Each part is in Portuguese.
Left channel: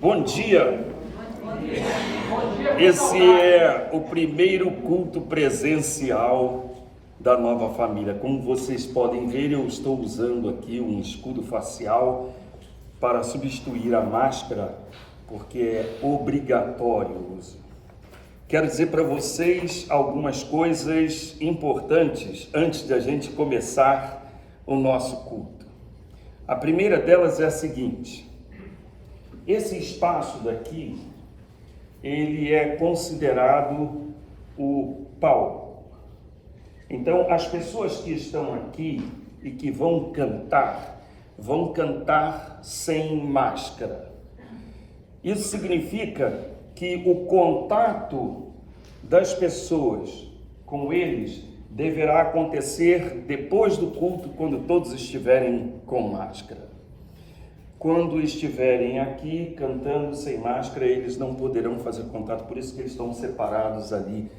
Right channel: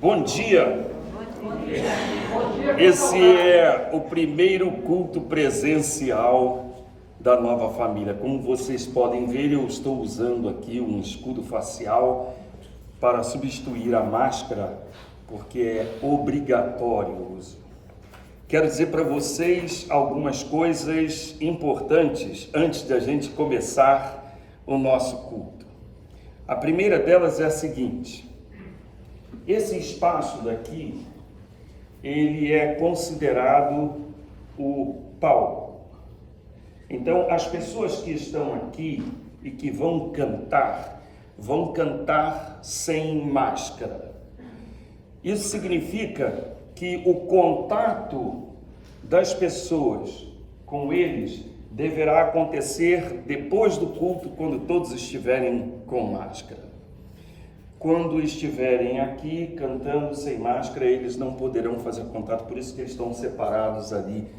Bom dia! Esse é o primeiro culto presencial da nova família. Como vocês podem ver, eu estou usando aqui um escudo facial para substituir a máscara, porque é obrigatório o uso. Quero dizer para vocês algumas coisas importantes antes de a gente começar o nosso culto. A primeira delas é a seguinte: esse espaço daqui, ele é considerado o palco. Então, as pessoas que estão aqui e que vão cantar sem máscara. Isso significa que o contato das pessoas com eles deverá acontecer depois do culto, quando todos estiverem com máscara. Quando estiverem aqui cantando sem máscara, eles não poderão fazer contato, por isso que eles estão separados ali,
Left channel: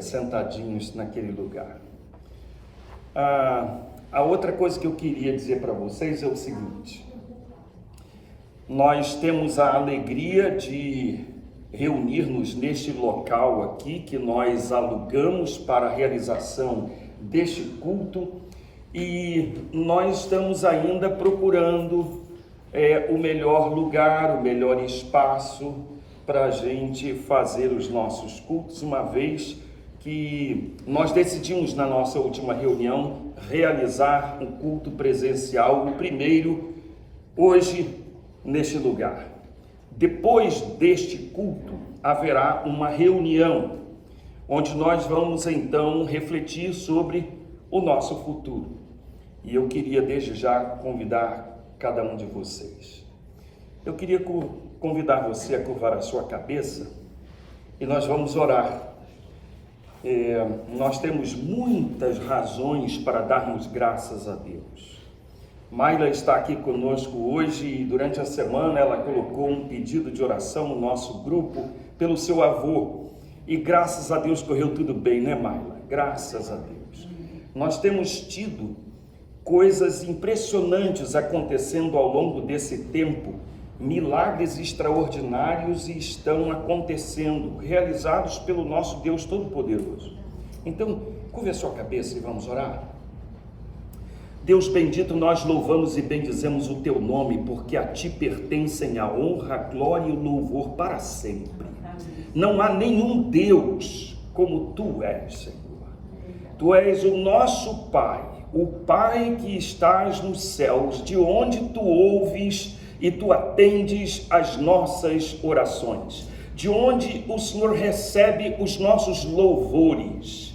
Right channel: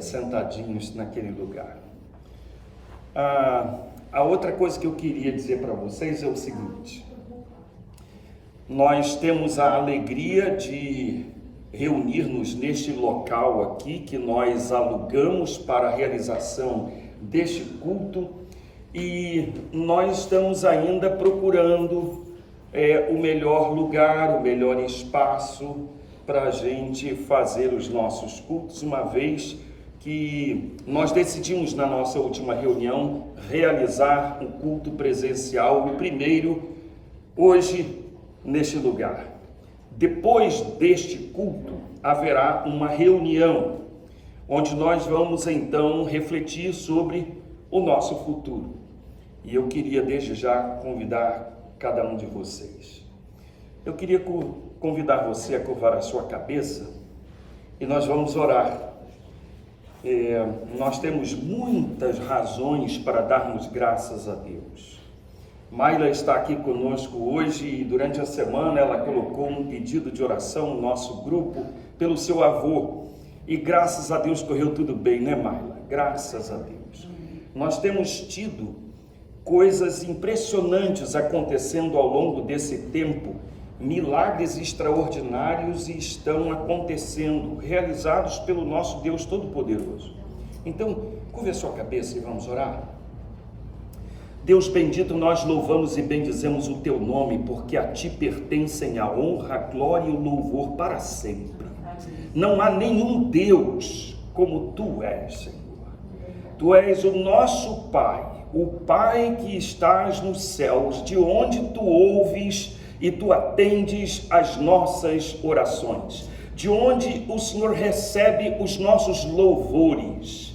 sentadinhos naquele lugar. A outra coisa que eu queria dizer para vocês é o seguinte: nós temos a alegria de reunir-nos neste local aqui, que nós alugamos para a realização deste culto, e nós estamos ainda procurando o melhor lugar, o melhor espaço para a gente fazer os nossos cultos, uma vez que nós decidimos na nossa última reunião realizar um culto presencial, o primeiro, hoje, neste lugar. Depois deste culto, haverá uma reunião, onde nós vamos então refletir sobre o nosso futuro. E eu queria desde já convidar cada um de vocês. Eu queria convidar você a curvar a sua cabeça e nós vamos orar. Nós temos muitas razões para darmos graças a Deus. Maila está aqui conosco hoje e durante a semana ela colocou um pedido de oração no nosso grupo pelo seu avô. E graças a Deus correu tudo bem, né, Maila? Graças a Deus. Nós temos tido coisas impressionantes acontecendo ao longo desse tempo, milagres extraordinários estão acontecendo, realizados pelo nosso Deus Todo-Poderoso. Então, curve a sua cabeça e vamos orar. Deus bendito, nós louvamos e bendizemos o teu nome, porque a ti pertencem a honra, a glória e o louvor para sempre. Não há nenhum Deus como tu és, Senhor. Tu és o nosso Pai, o Pai que estás nos céus, de onde tu ouves e tu atendes as nossas orações, de onde o Senhor recebe os nossos louvores.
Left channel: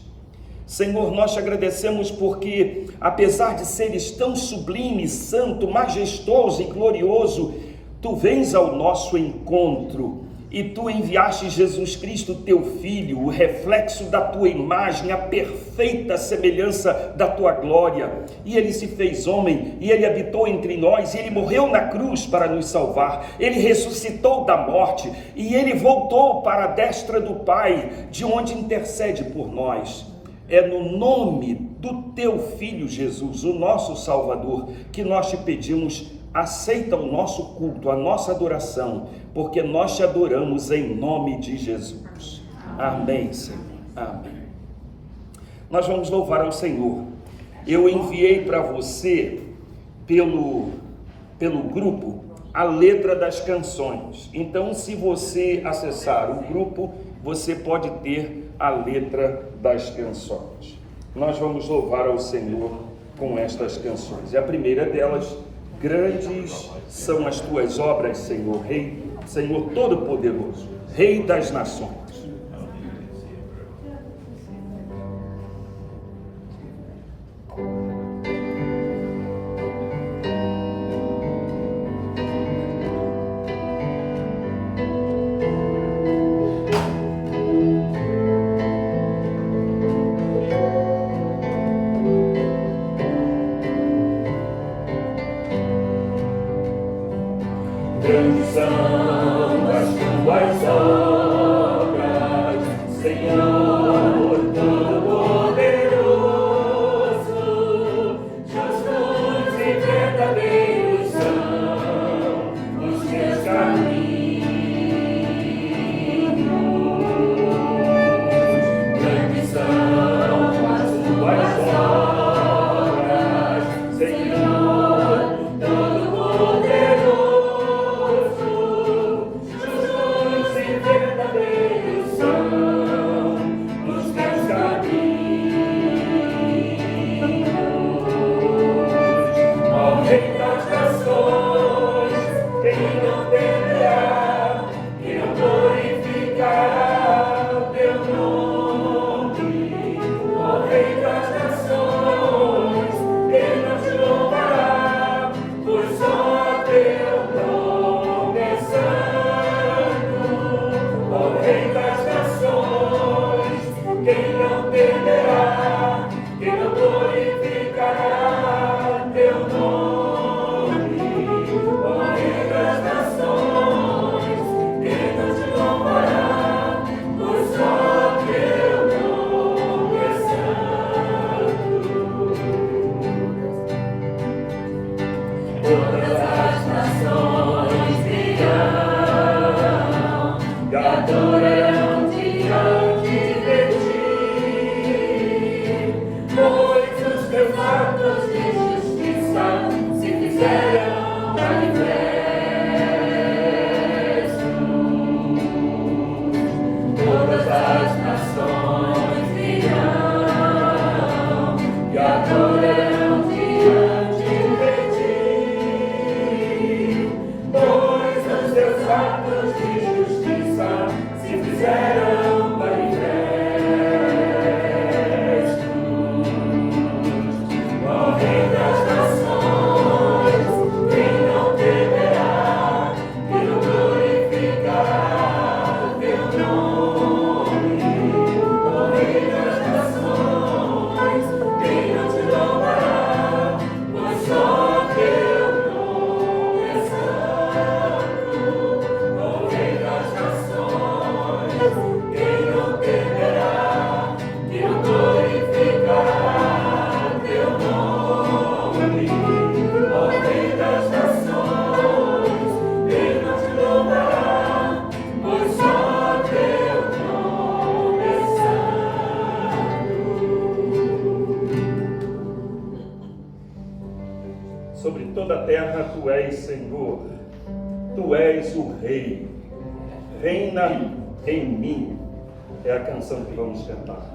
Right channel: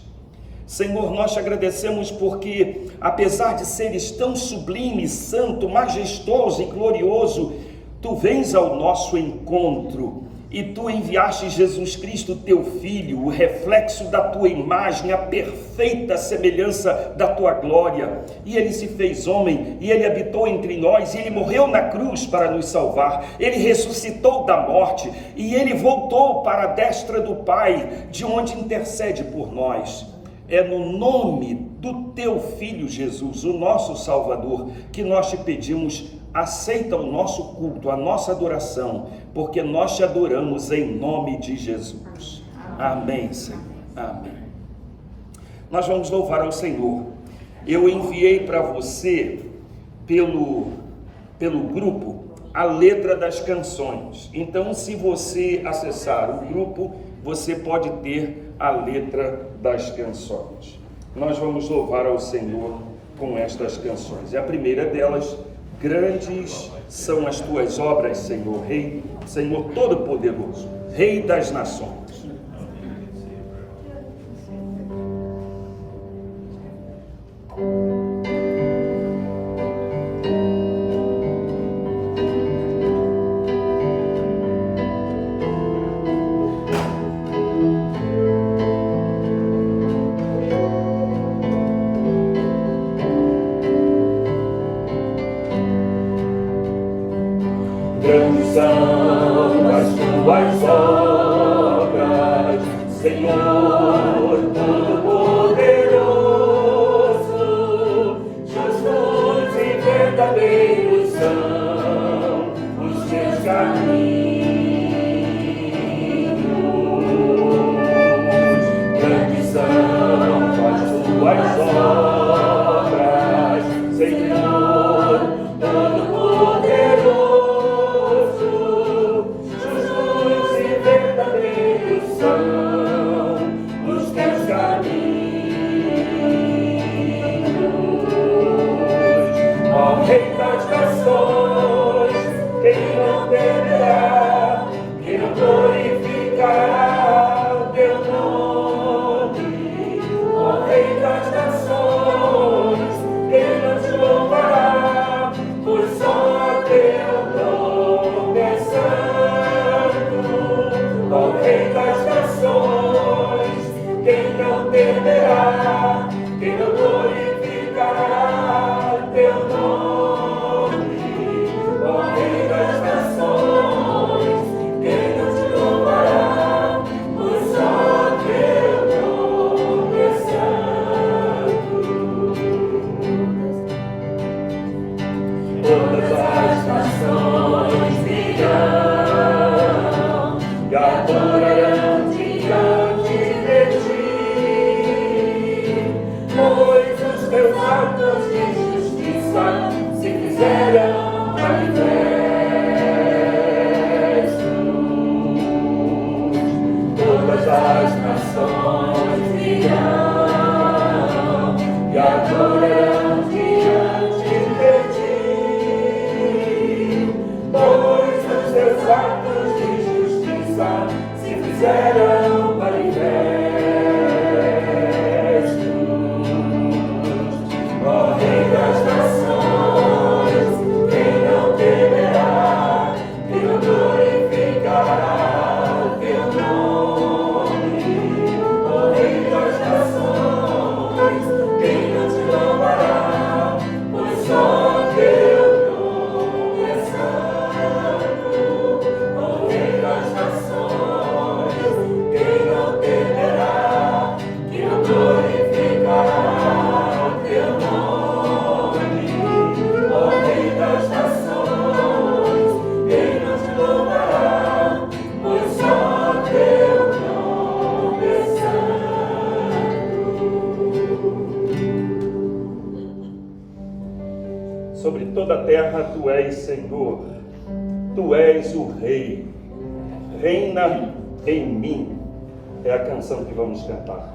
Senhor, nós te agradecemos porque, apesar de seres tão sublime, santo, majestoso e glorioso, tu vens ao nosso encontro e tu enviaste Jesus Cristo, teu Filho, o reflexo da tua imagem, a perfeita semelhança da tua glória. E ele se fez homem, e ele habitou entre nós, e ele morreu na cruz para nos salvar. Ele ressuscitou da morte, e ele voltou para a destra do Pai, de onde intercede por nós. É no nome do teu Filho Jesus, o nosso Salvador, que nós te pedimos: aceita o nosso culto, a nossa adoração, porque nós te adoramos em nome de Jesus. Amém, Senhor. Amém. Nós vamos louvar ao Senhor. Eu enviei para você, pelo grupo, a letra das canções. Então, se você acessar o grupo, você pode ter a letra das canções. Nós vamos louvar ao Senhor com estas canções. E a primeira delas: grandes são as tuas obras, Senhor, Rei, Senhor Todo-Poderoso, Rei das nações. Grandes são as tuas obras, Senhor Todo-Poderoso. Justos e verdadeiros são os teus caminhos. Sobre toda a terra tu és Senhor, tu és o Rei, reina em mim. É a canção que vamos cantar.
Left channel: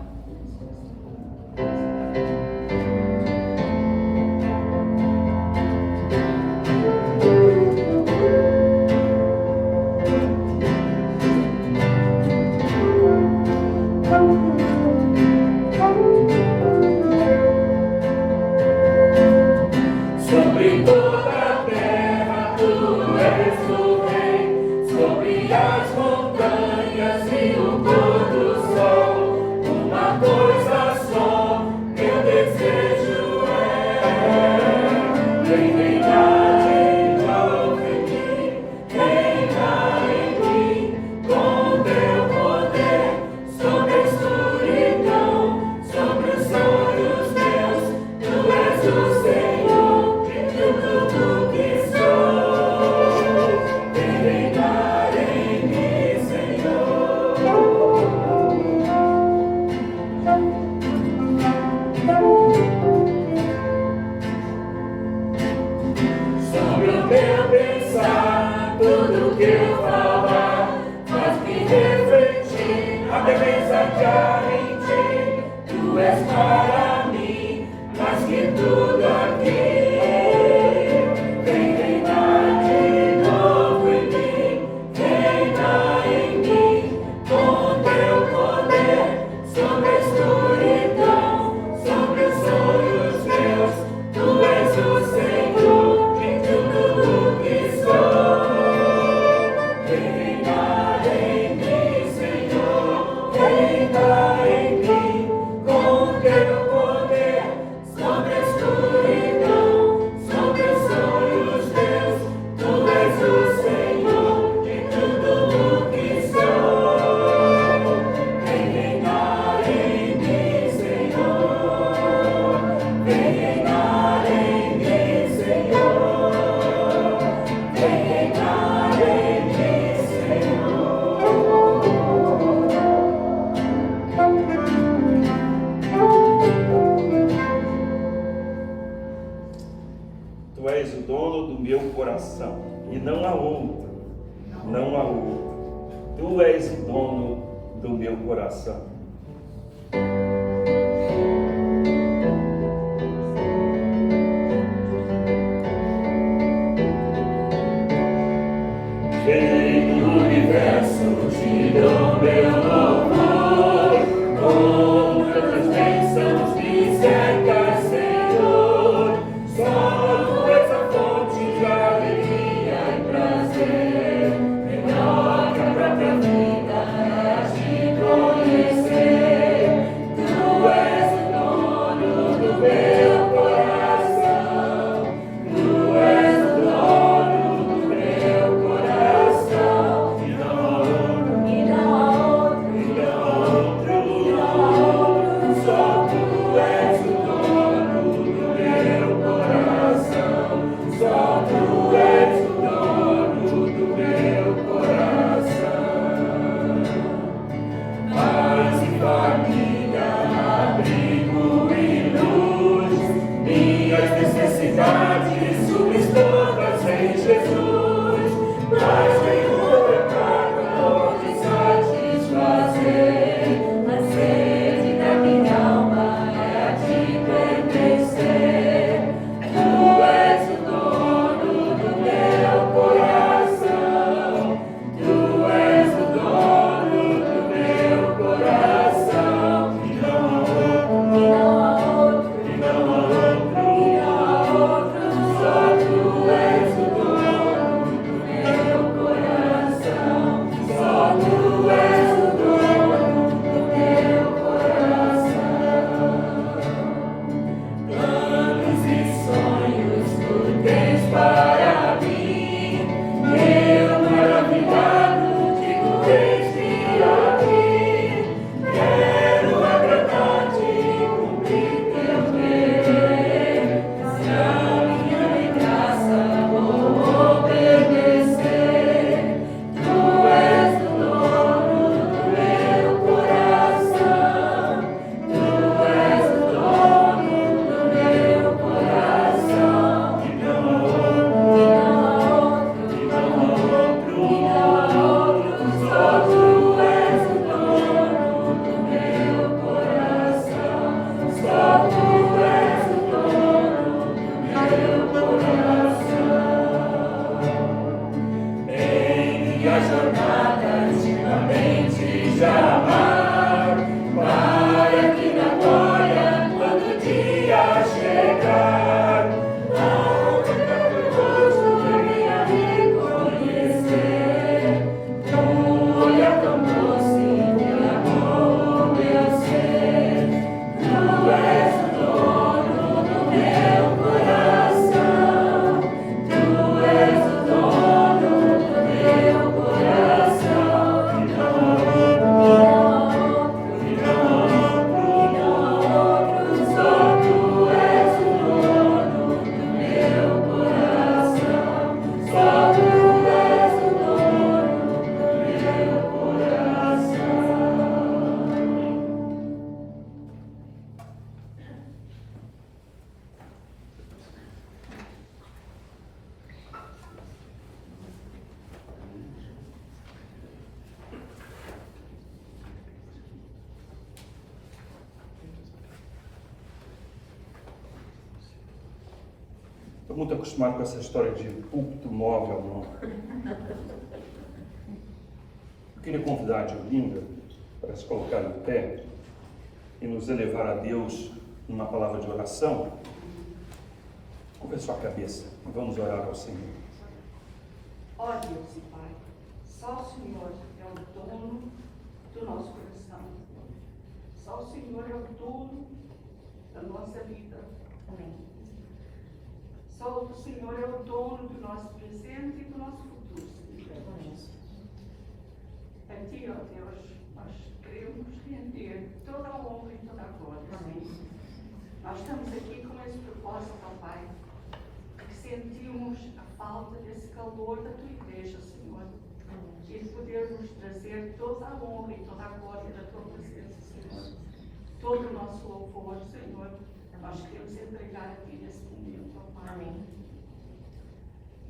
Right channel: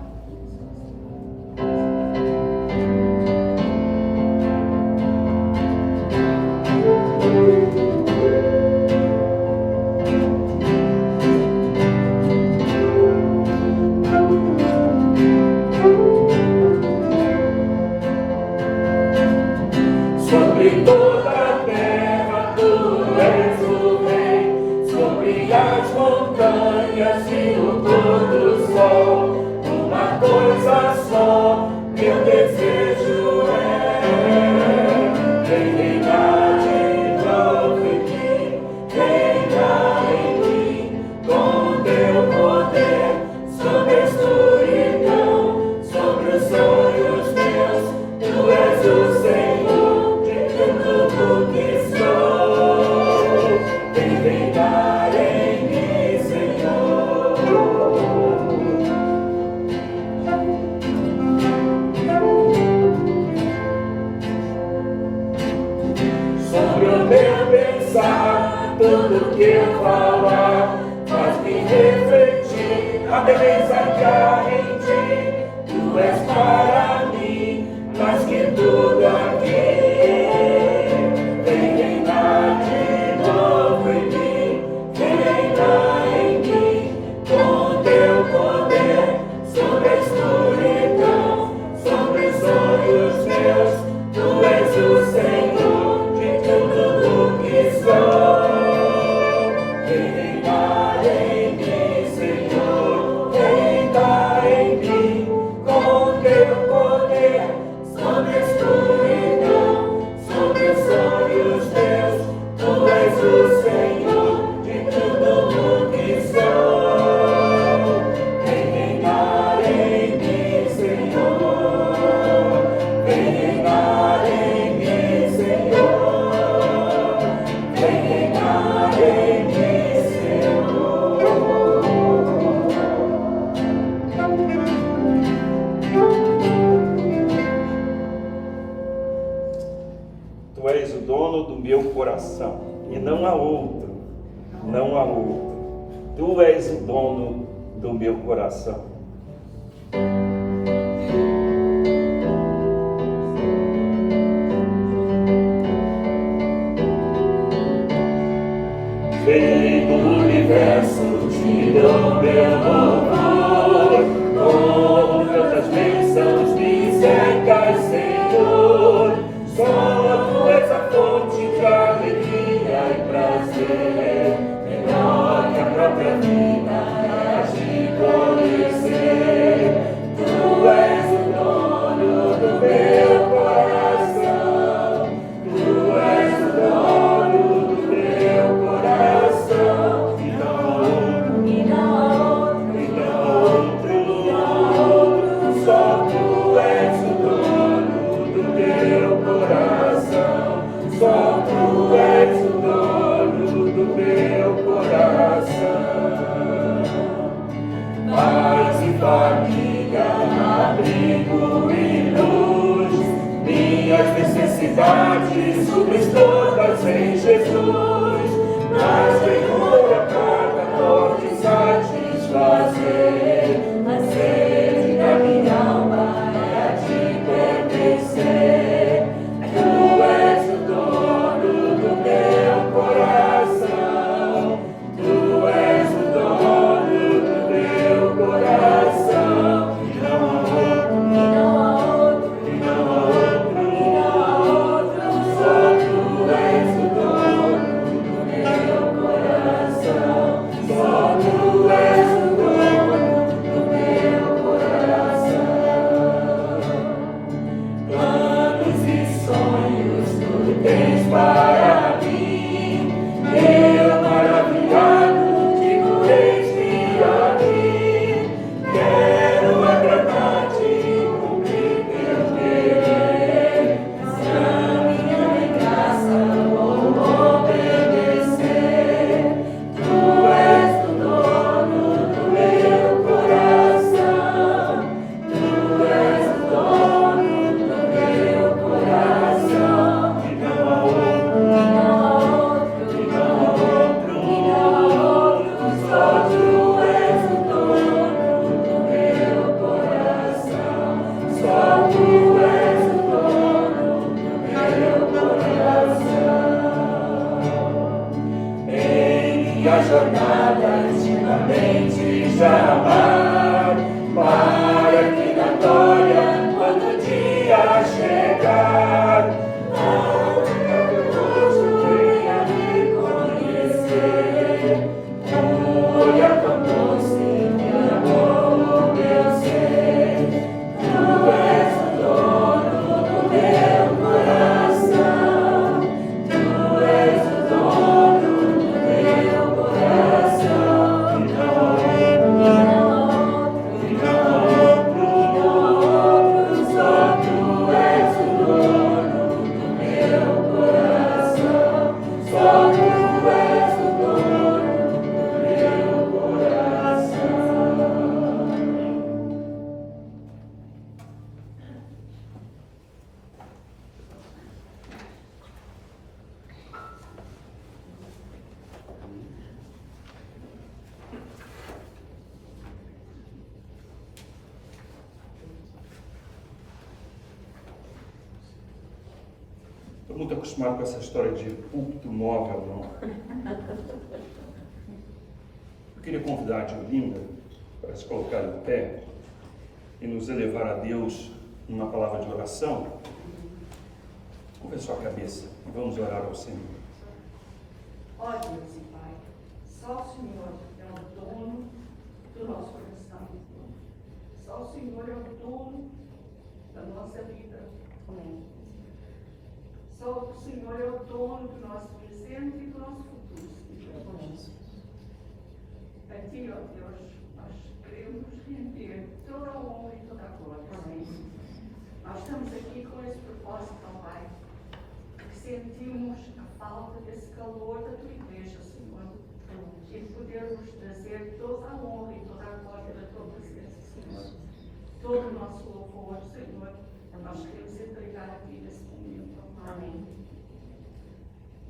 Sobre toda a terra tu és o Rei, sobre as montanhas e o pôr do sol, uma coisa só, meu desejo é reinar de novo em mim, reinar em mim, com teu poder, sobre a escuridão, sobre os sonhos meus, tu és o Senhor de tudo que sou, vem reinar em mim, Senhor. Sobre o meu pensar, tudo que eu falar, faz-me refletir a beleza que há em ti. Tu és para mim, mais que tudo aqui. Vem reinar de novo em mim, vem reinar em mim, com teu poder, sobre a escuridão, sobre os sonhos meus. Tu és o Senhor de tudo que sou. Vem reinar em mim, Senhor, reinar em mim, com teu poder, sobre a escuridão, sobre os sonhos meus. Tu és o Senhor de tudo que sou. Vem reinar em mim, Senhor, vem reinar em mim, Senhor, vem reinar em mim, Senhor. Tu és o dono do meu coração, e não há outro, não há outro. Tu és o dono do meu coração. Rei do universo, te dou meu louvor, com tantas bênçãos me cercas, Senhor. Só tu és a fonte de alegria e prazer, melhor que a própria vida é te conhecer. Tu és o dono do meu coração, tu és o dono do meu coração, e não há outro, e não há outro, e não há outro, só tu és o dono do meu coração, só tu és o dono do meu coração. Paz e família, abrigo e luz, minhas necessidades supres todas em Jesus. Mas nenhuma cada dor de satisfazer, a sede da minha alma é a te pertencer. Tu és o dono do meu coração, tu és o dono do meu coração, e não há outro, e não há outro, e não há outro, só tu és jornada intimamente de amar, para que na glória, quando o dia chegar, ao pecador venha reconhecer, com olhar tão doce que amou o meu ser. Tu és o dono do meu coração, tu és o dono do meu coração, e não outro, só tu és o dono do meu coração, só tu és o dono do meu coração. Estou muito acostumado com essa história de púlpito móvel, não. Eu queria convidar a Diolinda para se colocar em pé e nos elevar a Deus numa palavra de oração. Curva a sua cabeça e vamos orar ao Senhor. Ó Deus e Pai, só o Senhor é o dono do nosso coração. Só o Senhor é o dono da nossa vida. Amém. Só o Senhor é o dono do nosso presente e do nosso futuro, Senhor. Amém. A Ti, ó Deus, nós queremos render toda a honra e toda a glória. Amém. Nós estamos aqui com esse propósito, ó Pai, porque sentimos a falta desse calor da Tua igreja, Senhor, e de podermos trazer toda a honra e toda a glória da Tua presença, Senhor. Todo o nosso louvor, Senhor, nós queremos entregar a Ti nesse momento, ó Pai. Amém.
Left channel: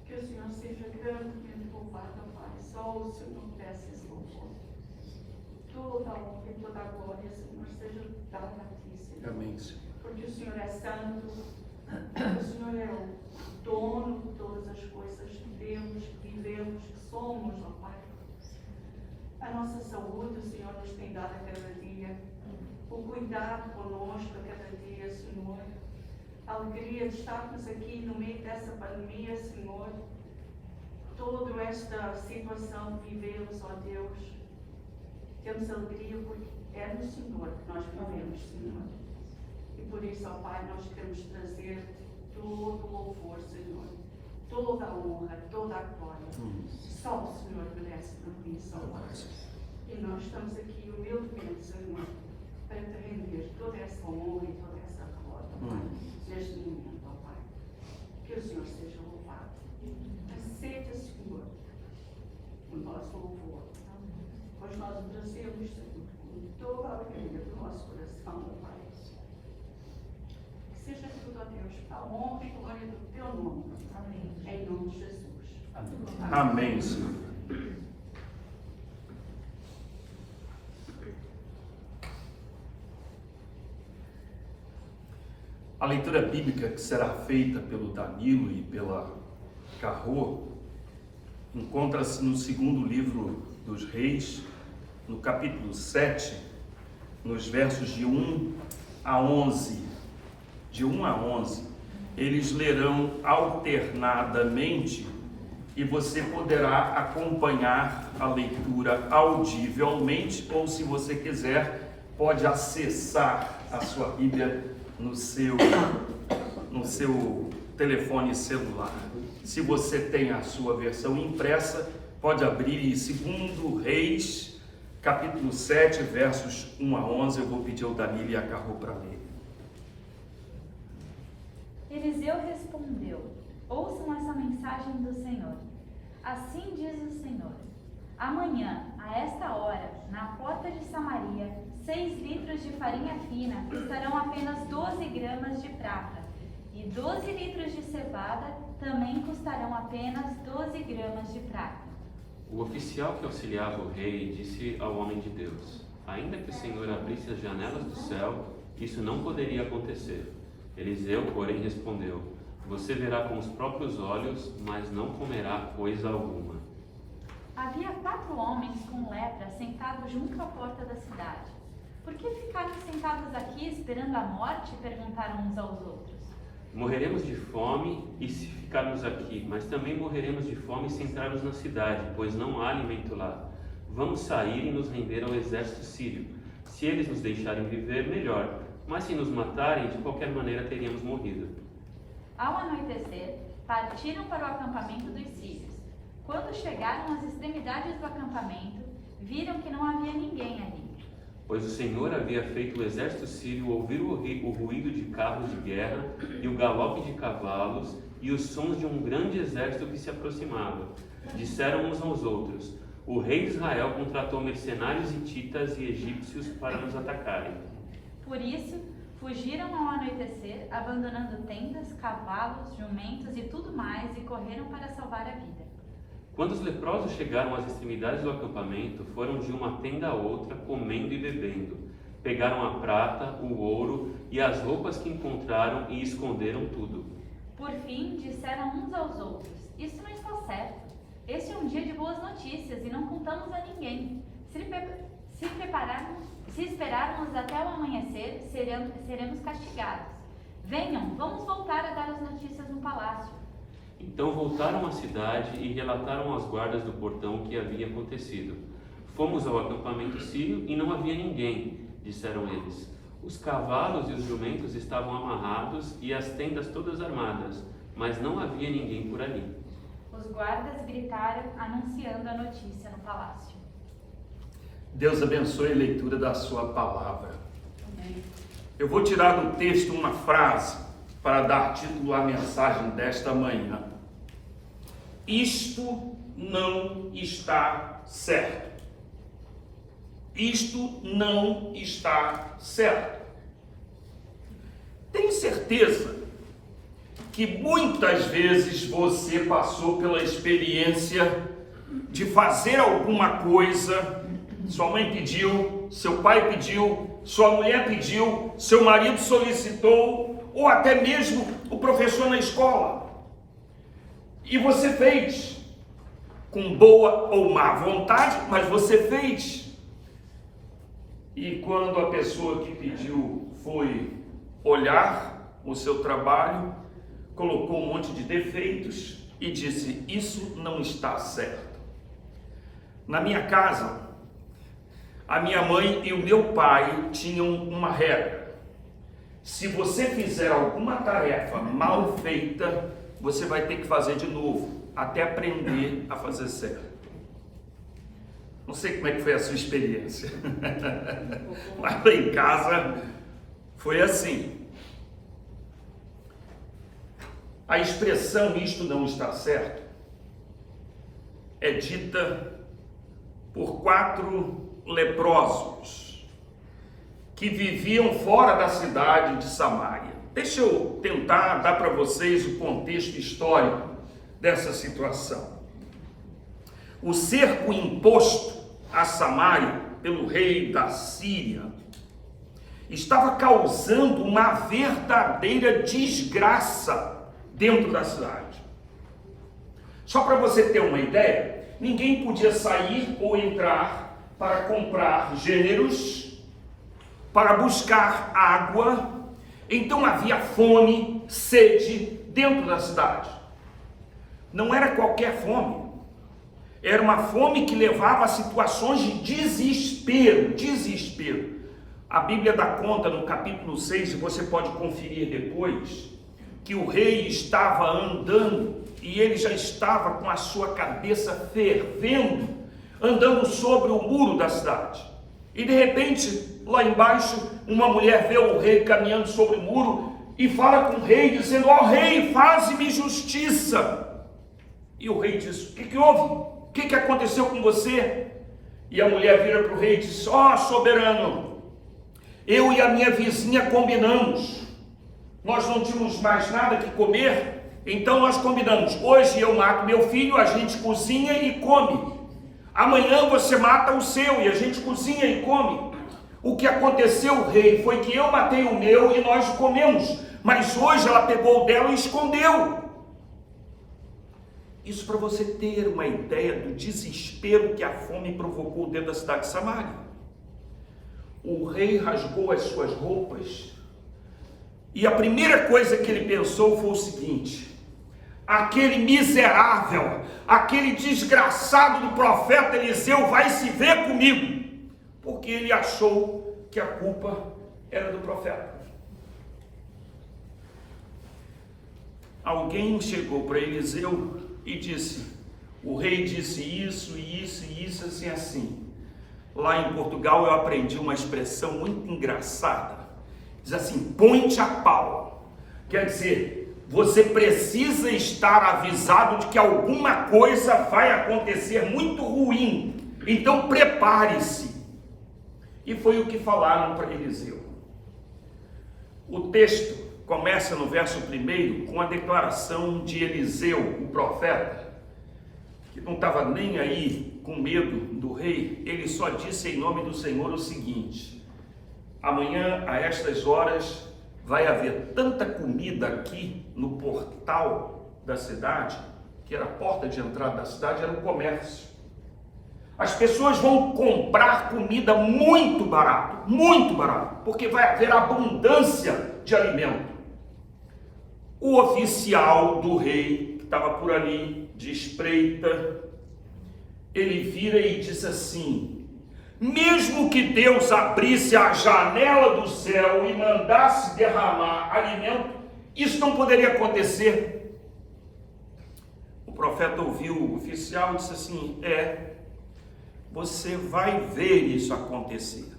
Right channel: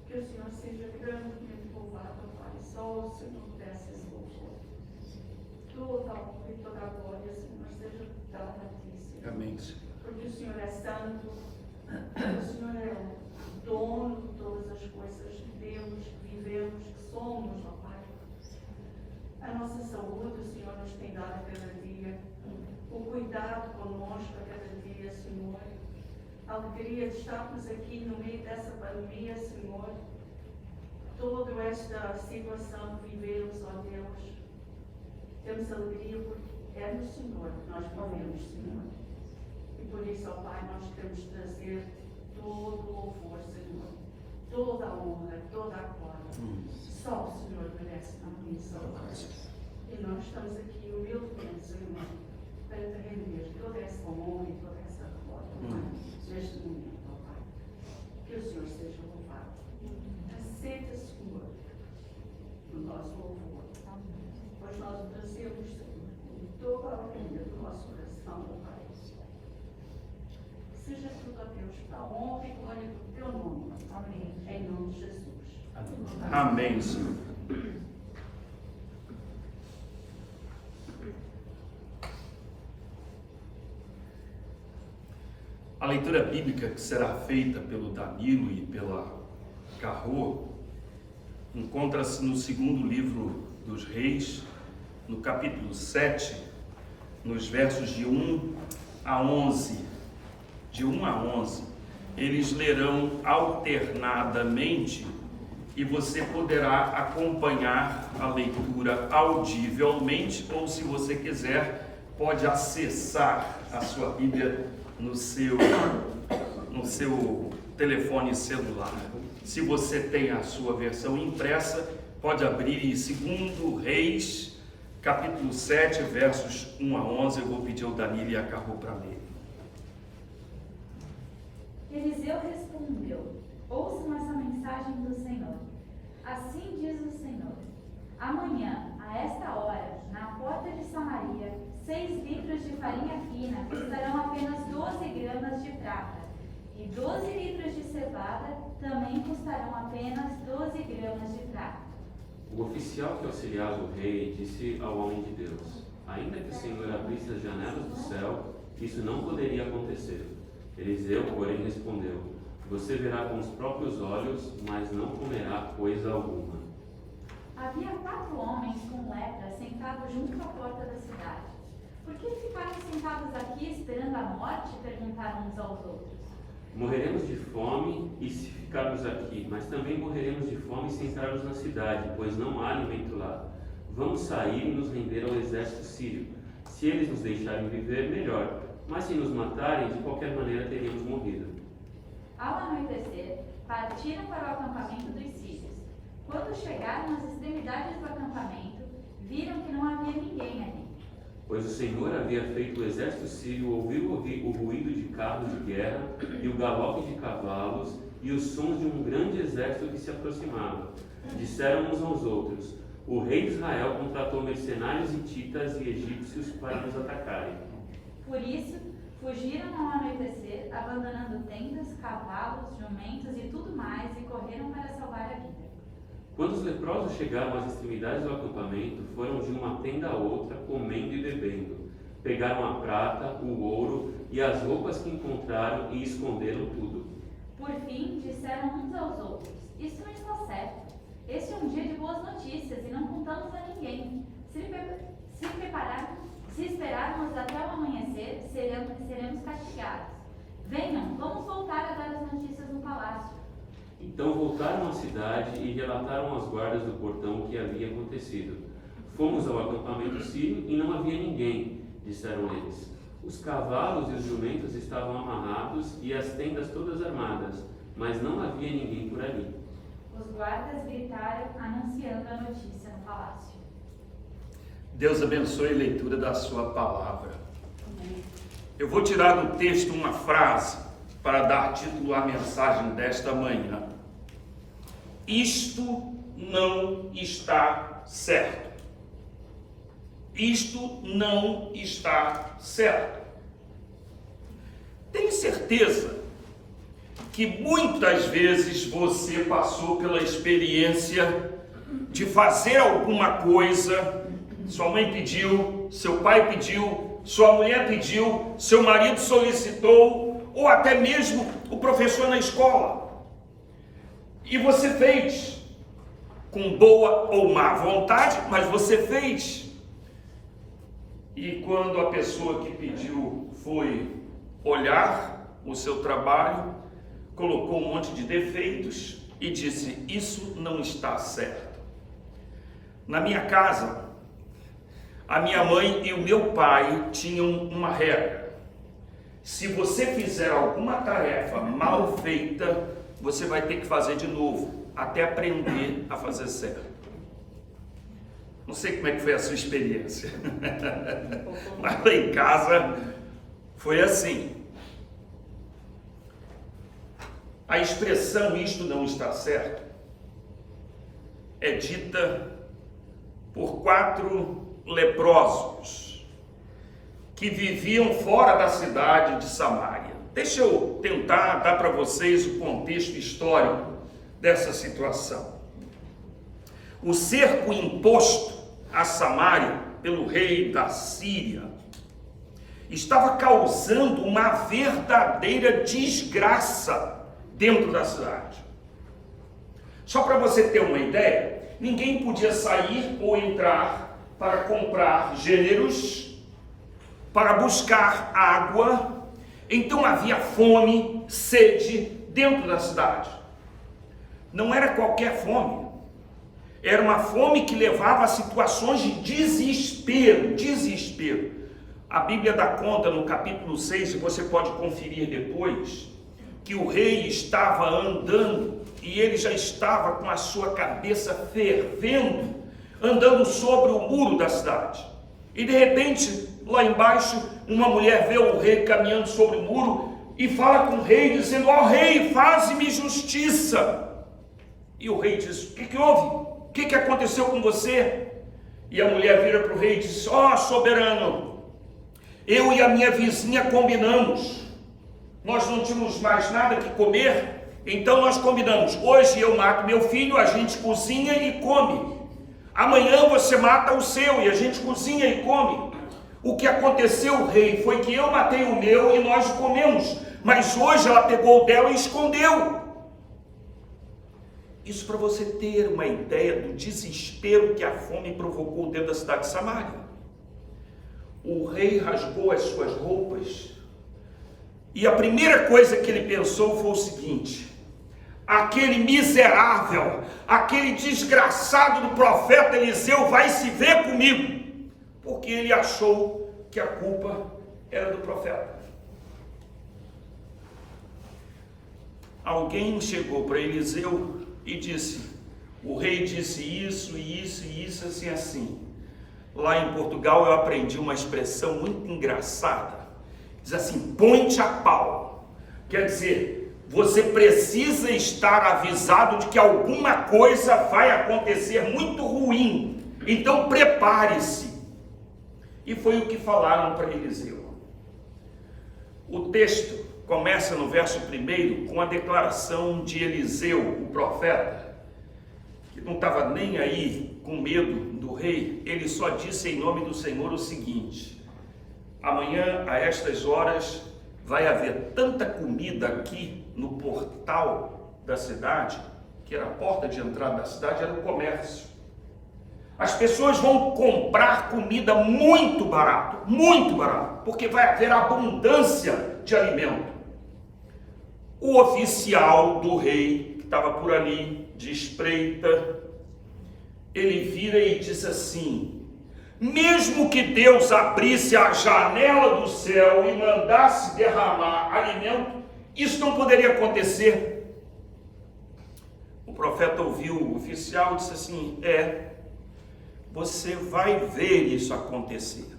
Que o Senhor seja grandemente louvado, ó Pai. Só o Senhor merece esse louvor. Toda a honra e toda a glória, Senhor, seja dada a Ti, Senhor. Amém, Senhor. Porque o Senhor é santo, o Senhor é o dono de todas as coisas que temos, que vivemos, que somos, ó Pai. A nossa saúde, o Senhor nos tem dado a cada dia, o cuidado conosco a cada dia, Senhor. A alegria de estarmos aqui no meio dessa pandemia, Senhor. Toda esta situação que vivemos, ó Deus. Temos alegria porque é no Senhor que nós vivemos, Senhor. E por isso, ó Pai, nós queremos trazer todo o louvor, Senhor. Toda a honra, toda a glória. Só o Senhor merece por mim, só nós. E nós estamos aqui humildemente, Senhor, para te render toda essa honra e toda essa glória. Neste momento, ó Pai. Que o Senhor seja louvado. Aceita, Senhor, o nosso louvor. Pois nós o trazemos, Senhor, com toda a alegria do nosso coração, ó Pai. Que seja tudo, ó Deus, para a honra e glória do Teu nome. Amém. Em nome de Jesus. Amém. Amém, Senhor. A leitura bíblica que será feita pelo Danilo e pela Carrô encontra-se no segundo livro dos Reis, no capítulo 7, nos versos de 1 a 11. De 1 a 11, eles lerão alternadamente e você poderá acompanhar a leitura audivelmente ou, se você quiser, pode acessar a sua Bíblia no seu telefone celular. Se você tem a sua versão impressa, pode abrir em 2 Reis, capítulo 7, versos 1 a 11. Eu vou pedir ao Danilo e a Carrô para ler. Eliseu respondeu: ouçam essa mensagem do Senhor. Assim diz o Senhor: amanhã, a esta hora, na porta de Samaria, 6 litros de farinha fina custarão apenas 12 gramas de prata, e 12 litros de cevada também custarão apenas 12 gramas de prata. O oficial que auxiliava o rei disse ao homem de Deus: ainda que o Senhor abrisse as janelas do céu, isso não poderia acontecer. Eliseu, porém, respondeu: você verá com os próprios olhos, mas não comerá coisa alguma. Havia 4 homens com lepra sentados junto à porta da cidade. Por que ficaram sentados aqui esperando a morte? Perguntaram uns aos outros. Morreremos de fome e se ficarmos aqui, mas também morreremos de fome se entrarmos na cidade, pois não há alimento lá. Vamos sair e nos render ao exército sírio. Se eles nos deixarem viver, melhor, mas se nos matarem, de qualquer maneira teríamos morrido. Ao anoitecer, partiram para o acampamento dos sírios. Quando chegaram às extremidades do acampamento, viram que não havia ninguém ali. Pois o Senhor havia feito o exército sírio ouvir o ruído de carros de guerra e o galope de cavalos e os sons de um grande exército que se aproximava. Disseram uns aos outros: o rei de Israel contratou mercenários hititas e egípcios para nos atacarem. Por isso, fugiram ao anoitecer, abandonando tendas, cavalos, jumentos e tudo mais, e correram para salvar a vida. Quando os leprosos chegaram às extremidades do acampamento, foram de uma tenda a outra, comendo e bebendo. Pegaram a prata, o ouro e as roupas que encontraram e esconderam tudo. Por fim, disseram uns aos outros: isso não está certo. Este é um dia de boas notícias e não contamos a ninguém. Se esperarmos até o amanhecer, seremos castigados. Venham, vamos voltar a dar as notícias no palácio. Então voltaram à cidade e relataram aos guardas do portão o que havia acontecido. Fomos ao acampamento sírio e não havia ninguém, disseram eles. Os cavalos e os jumentos estavam amarrados e as tendas todas armadas, mas não havia ninguém por ali. Os guardas gritaram, anunciando a notícia no palácio. Deus abençoe a leitura da sua palavra. Eu vou tirar do texto uma frase para dar título à mensagem desta manhã. Isto não está certo. Isto não está certo. Tenho certeza que muitas vezes você passou pela experiência de fazer alguma coisa. Sua mãe pediu, seu pai pediu, sua mulher pediu, seu marido solicitou, ou até mesmo o professor na escola. E você fez, com boa ou má vontade, mas você fez. E quando a pessoa que pediu foi olhar o seu trabalho, colocou um monte de defeitos e disse: isso não está certo. Na minha casa, a minha mãe e o meu pai tinham uma regra: se você fizer alguma tarefa mal feita, você vai ter que fazer de novo, até aprender a fazer certo. Não sei como é que foi a sua experiência, mas lá em casa foi assim. A expressão "isto não está certo" é dita por 4 leprosos que viviam fora da cidade de Samaria. Deixa eu tentar dar para vocês o contexto histórico dessa situação. O cerco imposto a Samaria pelo rei da Síria estava causando uma verdadeira desgraça dentro da cidade. Só para você ter uma ideia, ninguém podia sair ou entrar para comprar gêneros, para buscar água. Então havia fome, sede dentro da cidade. Não era qualquer fome, era uma fome que levava a situações de desespero. A Bíblia dá conta no capítulo 6, e você pode conferir depois, que o rei estava andando e ele já estava com a sua cabeça fervendo, andando sobre o muro da cidade. E de repente, lá embaixo, uma mulher vê o rei caminhando sobre o muro e fala com o rei, dizendo: ó rei, faze-me justiça. E o rei diz: o que houve? O que aconteceu com você? E a mulher vira para o rei e diz: ó soberano, eu e a minha vizinha combinamos. Nós não tínhamos mais nada que comer, então nós combinamos: hoje eu mato meu filho, a gente cozinha e come. Amanhã você mata o seu e a gente cozinha e come. O que aconteceu, rei, foi que eu matei o meu e nós comemos, mas hoje ela pegou o dela e escondeu. Isso para você ter uma ideia do desespero que a fome provocou dentro da cidade de Samaria. O rei rasgou as suas roupas e a primeira coisa que ele pensou foi o seguinte: aquele miserável, aquele desgraçado do profeta Eliseu vai se ver comigo, porque ele achou que a culpa era do profeta. Alguém chegou para Eliseu e disse: o rei disse isso, assim. Lá em Portugal eu aprendi uma expressão muito engraçada. Diz assim: põe-te a pau. Quer dizer, você precisa estar avisado de que alguma coisa vai acontecer muito ruim. Então prepare-se. E foi o que falaram para Eliseu. O texto começa no verso 1 com a declaração de Eliseu, o profeta, que não estava nem aí com medo do rei. Ele só disse em nome do Senhor o seguinte: amanhã a estas horas vai haver tanta comida aqui no portal da cidade, que era a porta de entrada da cidade, era o comércio. As pessoas vão comprar comida muito barato, porque vai haver abundância de alimento. O oficial do rei, que estava por ali, de espreita, ele vira e diz assim: mesmo que Deus abrisse a janela do céu e mandasse derramar alimento, isso não poderia acontecer. O profeta ouviu o oficial e disse assim: você vai ver isso acontecer,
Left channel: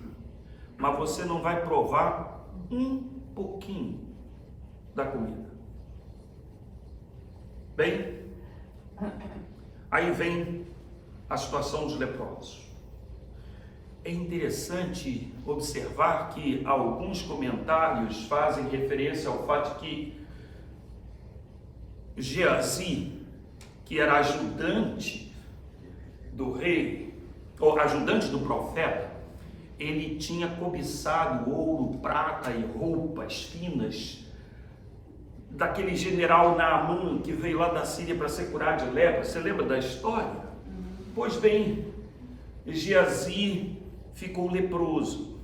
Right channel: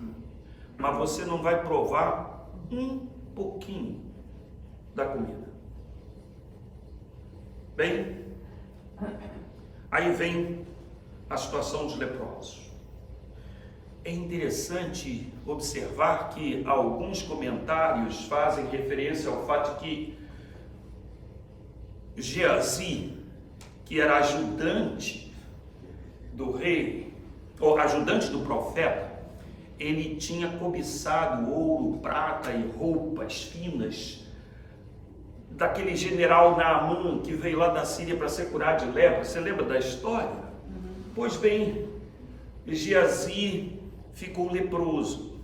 mas você não vai provar um pouquinho da comida. Bem, aí vem a situação dos leprosos. É interessante observar que alguns comentários fazem referência ao fato de que Geazi, que era ajudante do rei, ou ajudante do profeta, ele tinha cobiçado ouro, prata e roupas finas daquele general Naamã que veio lá da Síria para ser curado de lepra. Você lembra da história? Pois bem, Geazi ficou leproso.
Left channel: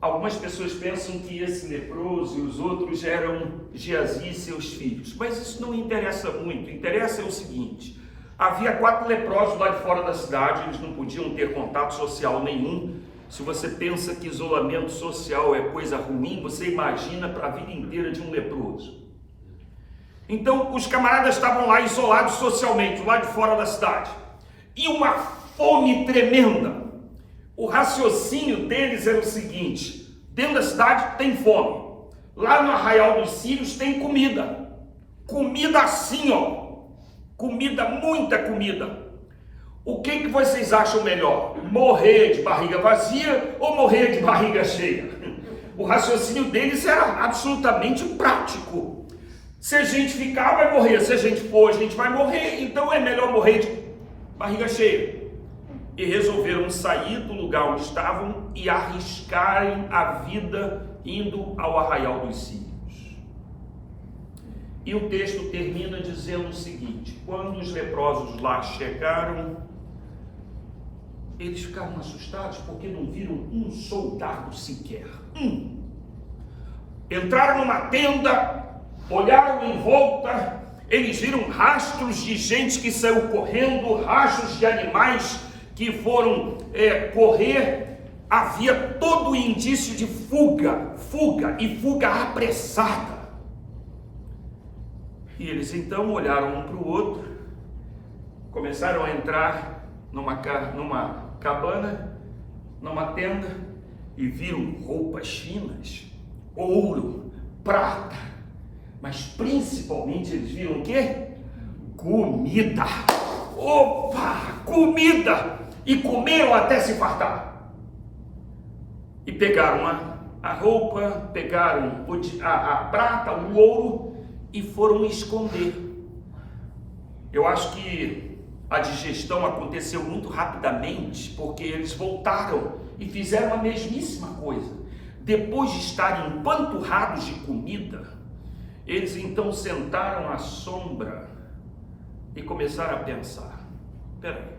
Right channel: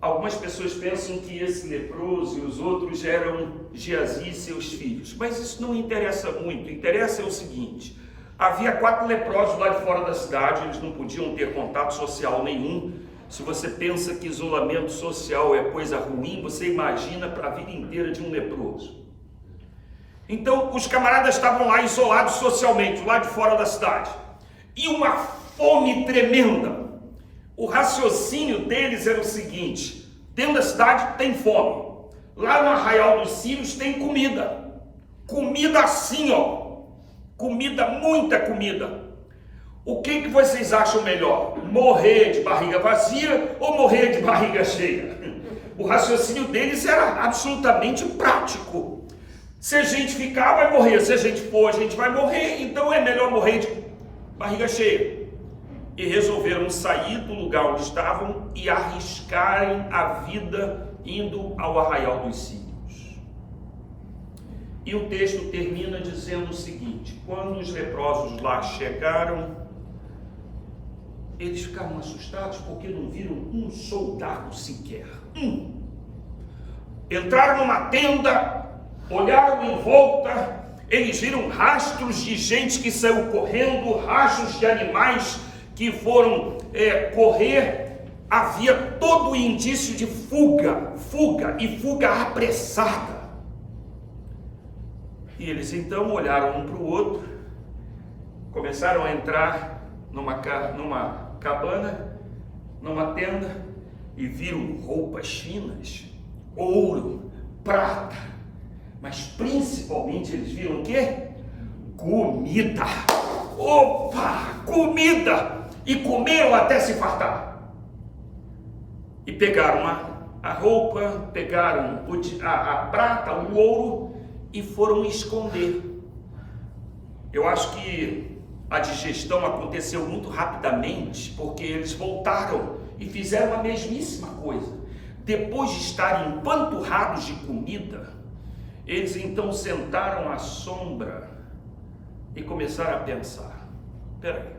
Algumas pessoas pensam que esse leproso e os outros eram Geazi e seus filhos, mas isso não interessa muito. Interessa é o seguinte: havia 4 leprosos lá de fora da cidade, eles não podiam ter contato social nenhum. Se você pensa que isolamento social é coisa ruim, você imagina para a vida inteira de um leproso. Então, os camaradas estavam lá isolados socialmente, lá de fora da cidade. E uma fome tremenda. O raciocínio deles era o seguinte: dentro da cidade tem fome. Lá no Arraial dos Sírios tem comida. Comida assim, ó. Comida, muita comida. O que vocês acham melhor? Morrer de barriga vazia ou morrer de barriga cheia? O raciocínio deles era absolutamente prático. Se a gente ficar, vai morrer. Se a gente for, a gente vai morrer. Então é melhor morrer de barriga cheia. E resolveram sair do lugar onde estavam e arriscarem a vida indo ao Arraial dos Sírios. E o texto termina dizendo o seguinte: quando os leprosos lá chegaram, eles ficaram assustados porque não viram um soldado sequer. Entraram numa tenda, olharam em volta, eles viram rastros de gente que saiu correndo, rastros de animais que foram correr. Havia todo o indício de fuga apressada. E eles então olharam um para o outro, começaram a entrar numa cabana, numa tenda, e viram roupas finas, ouro, prata, mas principalmente eles viram o quê? Comida. Opa, comida! E comeram até se fartar. E pegaram a roupa, pegaram a prata, o ouro e foram esconder. Eu acho que a digestão aconteceu muito rapidamente, porque eles voltaram e fizeram a mesmíssima coisa. Depois de estarem empanturrados de comida, eles então sentaram à sombra e começar a pensar: peraí,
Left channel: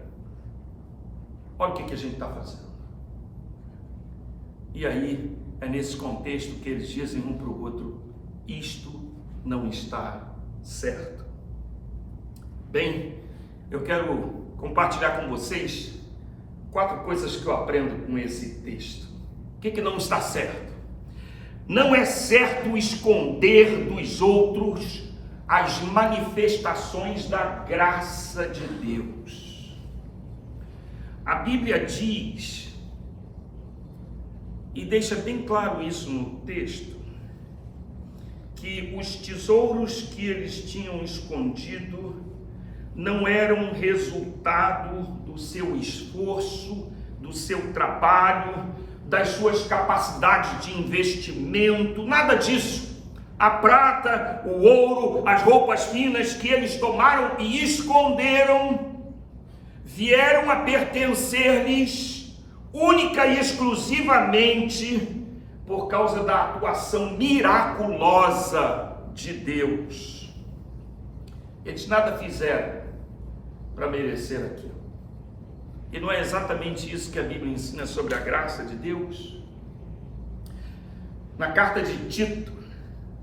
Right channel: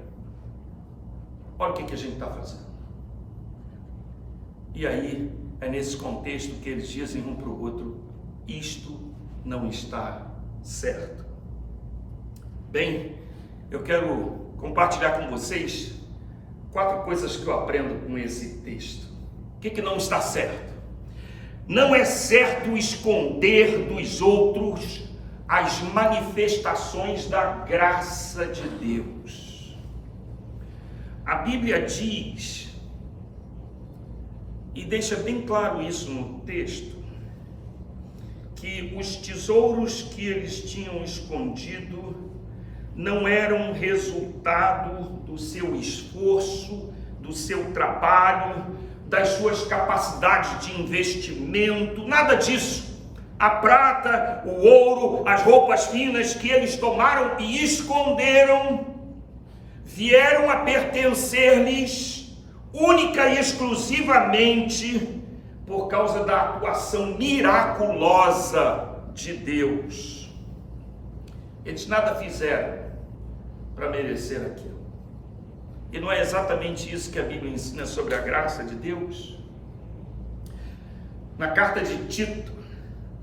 olha o que a gente está fazendo. E aí é nesse contexto que eles dizem um para o outro: isto não está certo. Bem, eu quero compartilhar com vocês 4 coisas que eu aprendo com esse texto. O que não está certo? Não é certo esconder dos outros as manifestações da graça de Deus. A Bíblia diz, e deixa bem claro isso no texto, que os tesouros que eles tinham escondido não eram resultado do seu esforço, do seu trabalho, das suas capacidades de investimento, nada disso. A prata, o ouro, as roupas finas que eles tomaram e esconderam, vieram a pertencer-lhes única e exclusivamente por causa da atuação miraculosa de Deus. Eles nada fizeram para merecer aquilo. E não é exatamente isso que a Bíblia ensina sobre a graça de Deus? Na carta de Tito,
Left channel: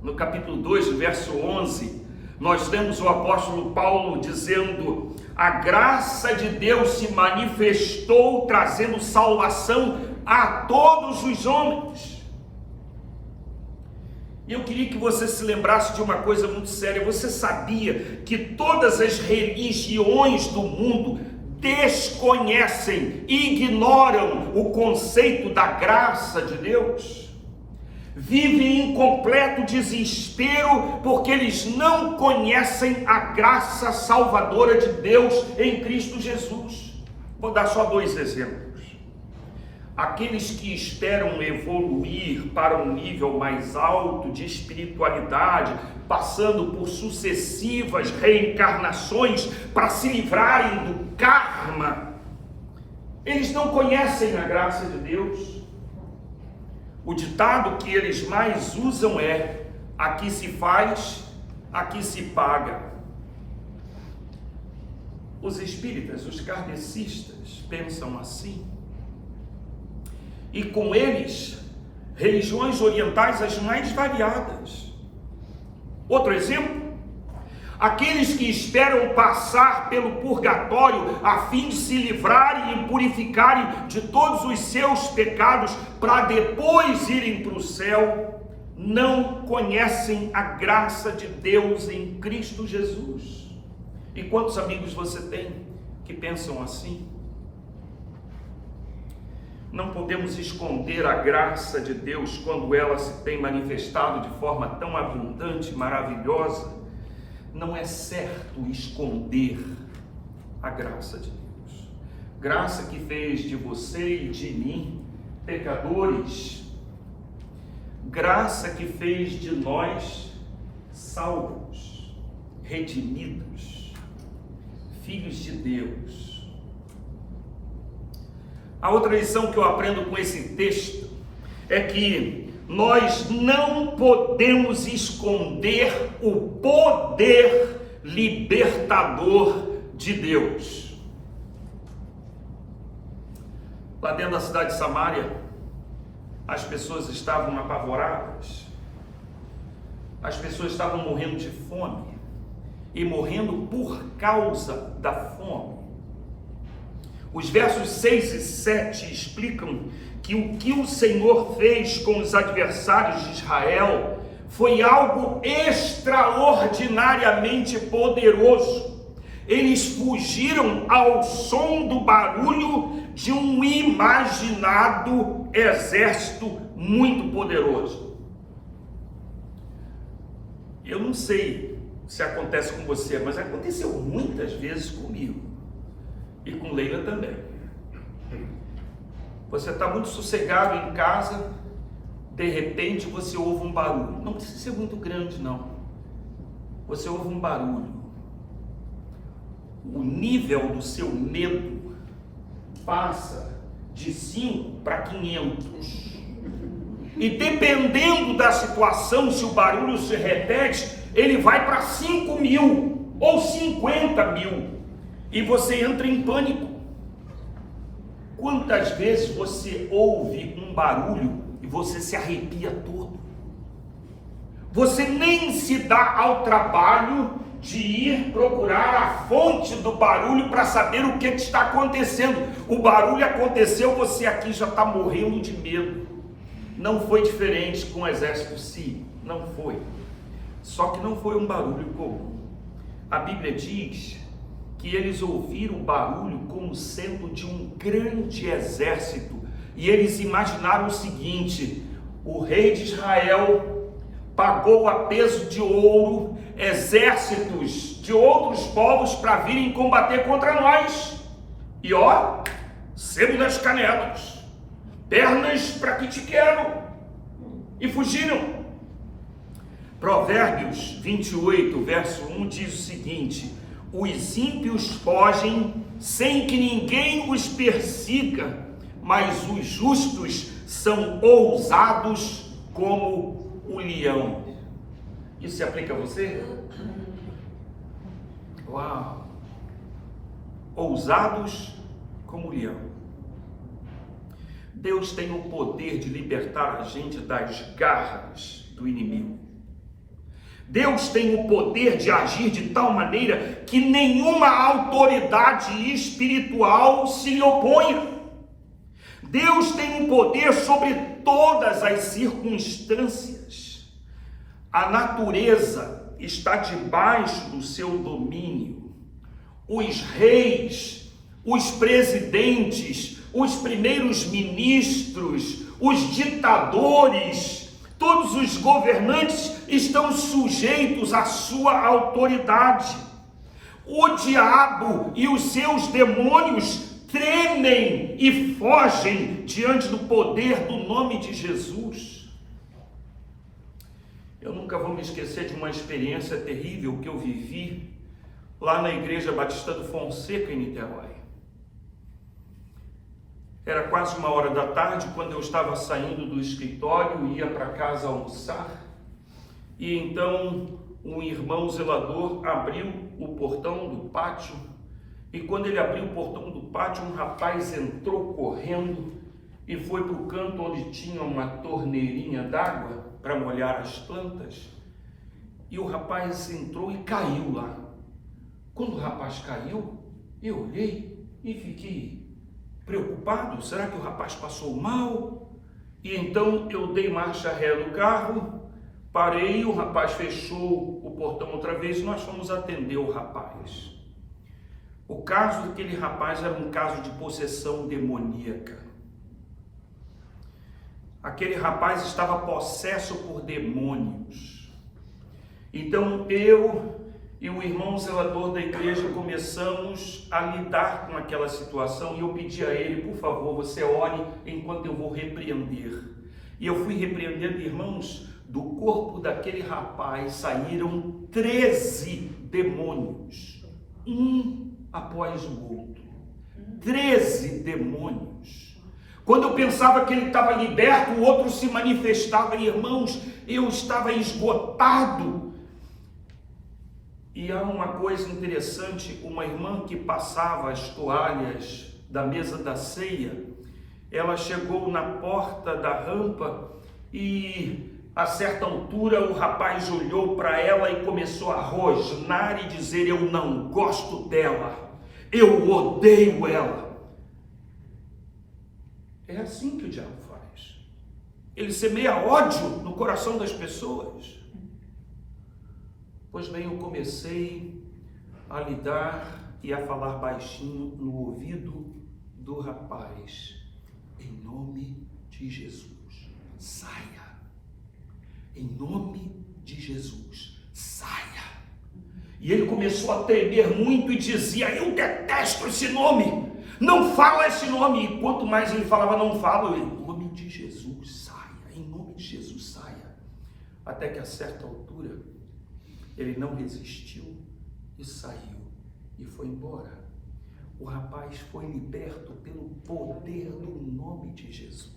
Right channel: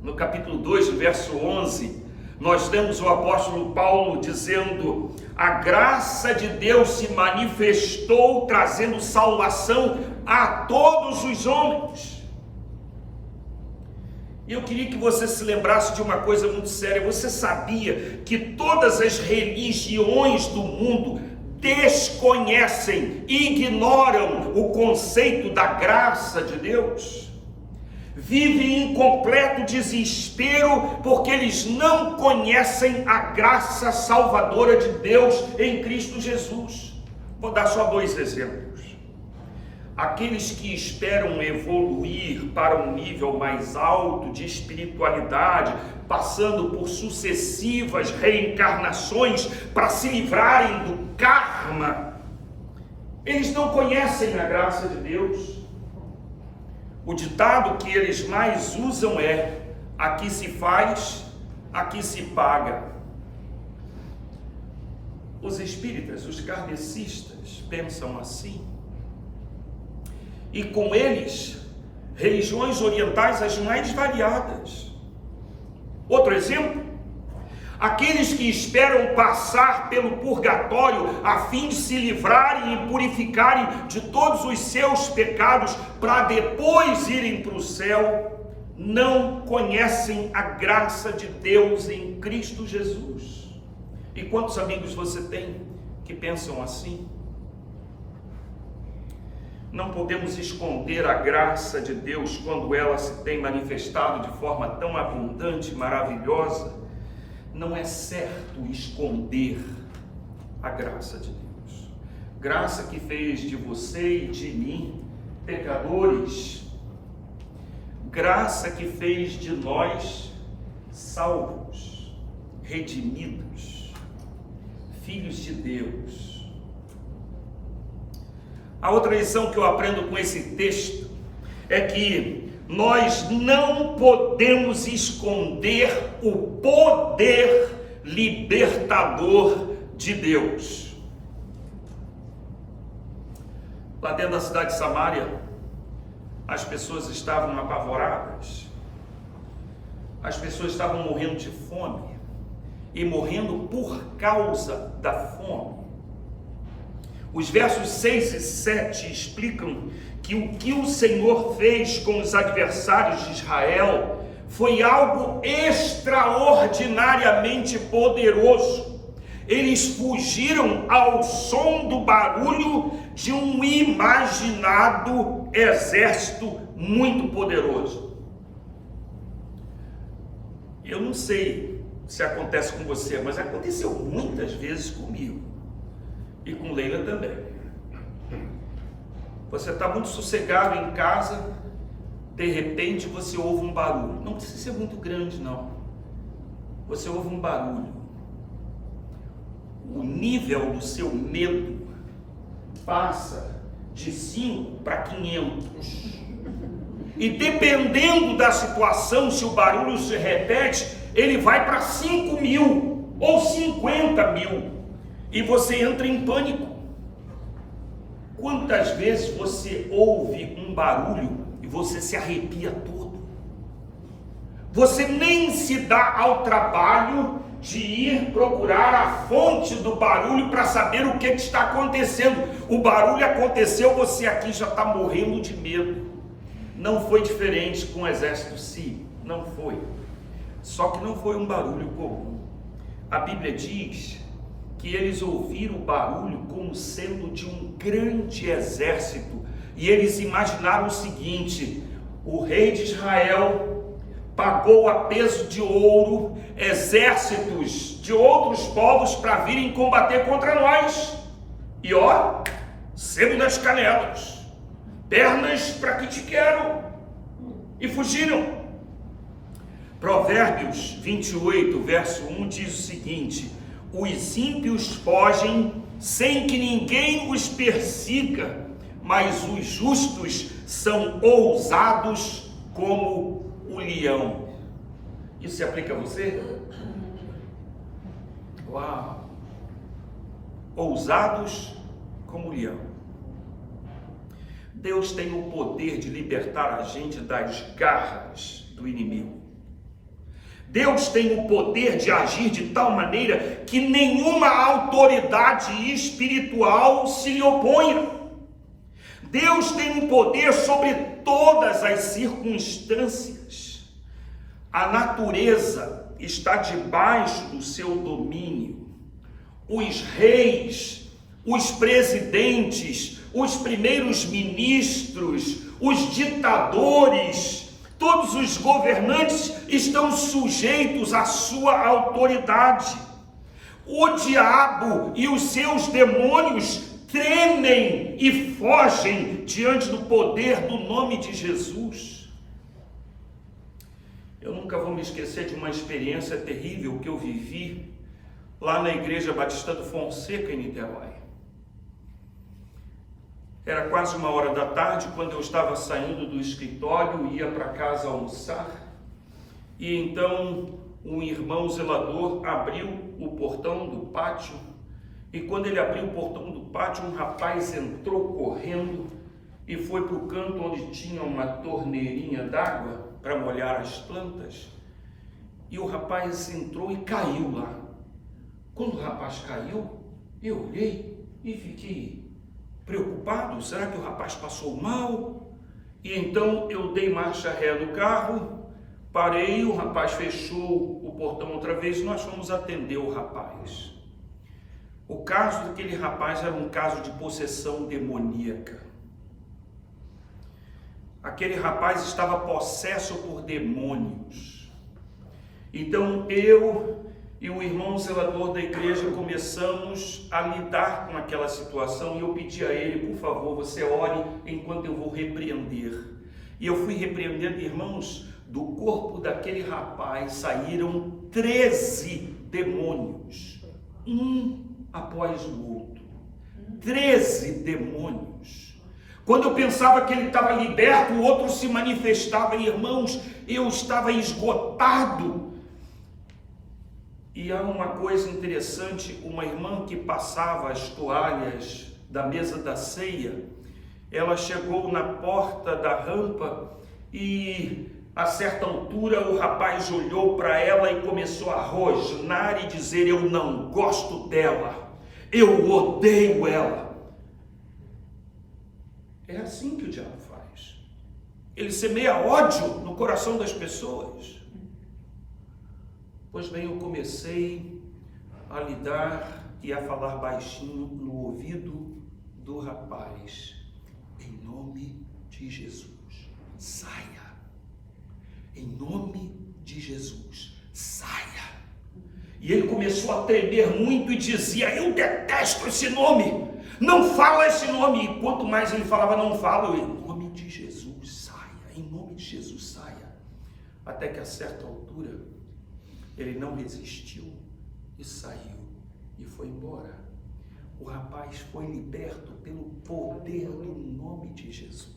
no capítulo 2, verso 11, nós lemos o apóstolo Paulo dizendo: a graça de Deus se manifestou trazendo salvação a todos os homens. E eu queria que você se lembrasse de uma coisa muito séria. Você sabia que todas as religiões do mundo desconhecem, ignoram o conceito da graça de Deus? Vivem em completo desespero porque eles não conhecem a graça salvadora de Deus em Cristo Jesus. Vou dar só 2 exemplos. Aqueles que esperam evoluir para um nível mais alto de espiritualidade, passando por sucessivas reencarnações para se livrarem do karma, eles não conhecem a graça de Deus. O ditado que eles mais usam é: aqui se faz, aqui se paga. Os espíritas, os kardecistas pensam assim. E com eles, religiões orientais as mais variadas. Outro exemplo: aqueles que esperam passar pelo purgatório a fim de se livrarem e purificarem de todos os seus pecados para depois irem para o céu, não conhecem a graça de Deus em Cristo Jesus. E quantos amigos você tem que pensam assim? Não podemos esconder a graça de Deus quando ela se tem manifestado de forma tão abundante e maravilhosa. Não é certo esconder a graça de Deus. Graça que fez de você e de mim pecadores. Graça que fez de nós salvos, redimidos, filhos de Deus. A outra lição que eu aprendo com esse texto é que nós não podemos esconder o poder libertador de Deus. Lá dentro da cidade de Samaria, as pessoas estavam apavoradas, as pessoas estavam morrendo de fome e morrendo por causa da fome. Os versos 6 e 7 explicam que o que o Senhor fez com os adversários de Israel foi algo extraordinariamente poderoso. Eles fugiram ao som do barulho de um imaginado exército muito poderoso. Eu não sei se acontece com você, mas aconteceu muitas vezes comigo. E com Leila também. Você está muito sossegado em casa, de repente você ouve um barulho. Não precisa ser muito grande, não. Você ouve um barulho. O nível do seu medo passa de 5 para 500. E dependendo da situação, se o barulho se repete, ele vai para 5.000 ou 50.000 e você entra em pânico. Quantas vezes você ouve um barulho e você se arrepia todo? Você nem se dá ao trabalho de ir procurar a fonte do barulho para saber o que está acontecendo. O barulho aconteceu, você aqui já está morrendo de medo. Não foi diferente com o exército sírio, não foi. Só que não foi um barulho comum. A Bíblia diz que eles ouviram o barulho como sendo de um grande exército, e eles imaginaram o seguinte: o rei de Israel pagou a peso de ouro exércitos de outros povos para virem combater contra nós, e ó, sebo das canelas, pernas para que te quero, e fugiram. Provérbios 28, verso 1 diz o seguinte: os ímpios fogem sem que ninguém os persiga, mas os justos são ousados como o leão. Isso se aplica a você? Uau! Ousados como o leão. Deus tem o poder de libertar a gente das garras do inimigo. Deus tem o poder de agir de tal maneira que nenhuma autoridade espiritual se lhe oponha. Deus tem um poder sobre todas as circunstâncias. A natureza está debaixo do seu domínio. Os reis, os presidentes, os primeiros ministros, os ditadores, todos os governantes estão sujeitos à sua autoridade. O diabo e os seus demônios tremem e fogem diante do poder do nome de Jesus. Eu nunca vou me esquecer de uma experiência terrível que eu vivi lá na Igreja Batista do Fonseca, em Niterói. Era quase 1h da tarde quando eu estava saindo do escritório e ia para casa almoçar. E então um irmão zelador abriu o portão do pátio. E quando ele abriu o portão do pátio, um rapaz entrou correndo e foi para o canto onde tinha uma torneirinha d'água para molhar as plantas. E o rapaz entrou e caiu lá. Quando o rapaz caiu, eu olhei e fiquei preocupado. Será que o rapaz passou mal? E então eu dei marcha ré no carro, parei, o rapaz fechou o portão outra vez e nós fomos atender o rapaz. O caso daquele rapaz era um caso de possessão demoníaca. Aquele rapaz estava possesso por demônios. Então eu e o irmão zelador da igreja começamos a lidar com aquela situação, e eu pedi a ele: por favor, você ore enquanto eu vou repreender. E eu fui repreendendo, irmãos. Do corpo daquele rapaz saíram 13 demônios, um após o outro. 13 demônios. Quando eu pensava que ele estava liberto, o outro se manifestava. E, irmãos, eu estava esgotado. E há uma coisa interessante: uma irmã que passava as toalhas da mesa da ceia, ela chegou na porta da rampa e a certa altura o rapaz olhou para ela e começou a rosnar e dizer: eu não gosto dela, eu odeio ela. É assim que o diabo faz. Ele semeia ódio no coração das pessoas. Pois bem, eu comecei a lidar e a falar baixinho no ouvido do rapaz: em nome de Jesus, saia. Em nome de Jesus, saia. E ele começou a tremer muito e dizia: eu detesto esse nome, não fala esse nome. E quanto mais ele falava, não fala, em nome de Jesus, saia, em nome de Jesus, saia. Até que a certa altura, ele não resistiu e saiu e foi embora. O rapaz foi liberto pelo poder do nome de Jesus.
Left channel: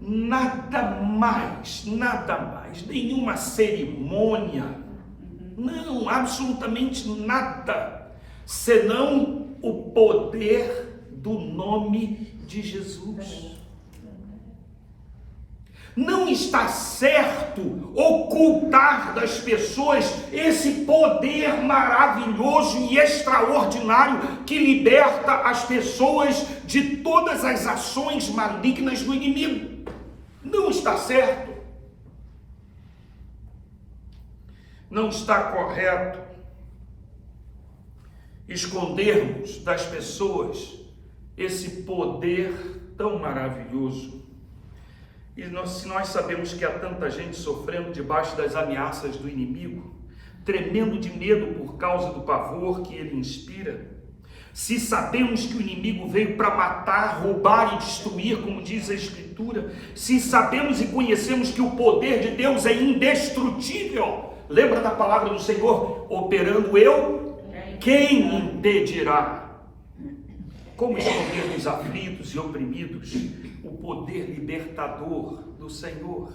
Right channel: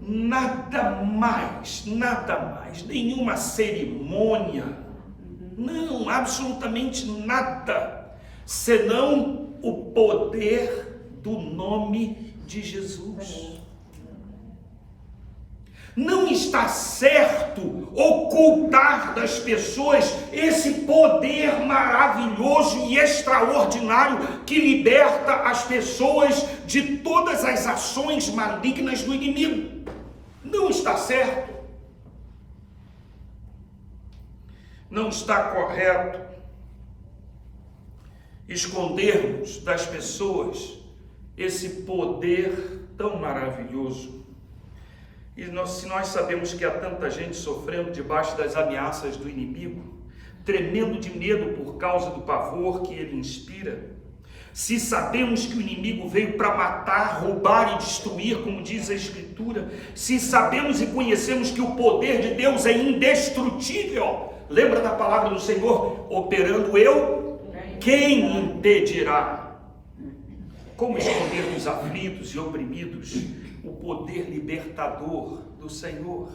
nada mais, nenhuma cerimônia, não, absolutamente nada, senão o poder do nome de Jesus. Não está certo ocultar das pessoas esse poder maravilhoso e extraordinário que liberta as pessoas de todas as ações malignas do inimigo. Não está certo. Não está correto escondermos das pessoas esse poder tão maravilhoso. E se nós sabemos que há tanta gente sofrendo debaixo das ameaças do inimigo, tremendo de medo por causa do pavor que ele inspira, se sabemos que o inimigo veio para matar, roubar e destruir, como diz a Escritura, se sabemos e conhecemos que o poder de Deus é indestrutível, lembra da palavra do Senhor, operando eu, quem impedirá? Como esconder dos aflitos e oprimidos o poder libertador do Senhor?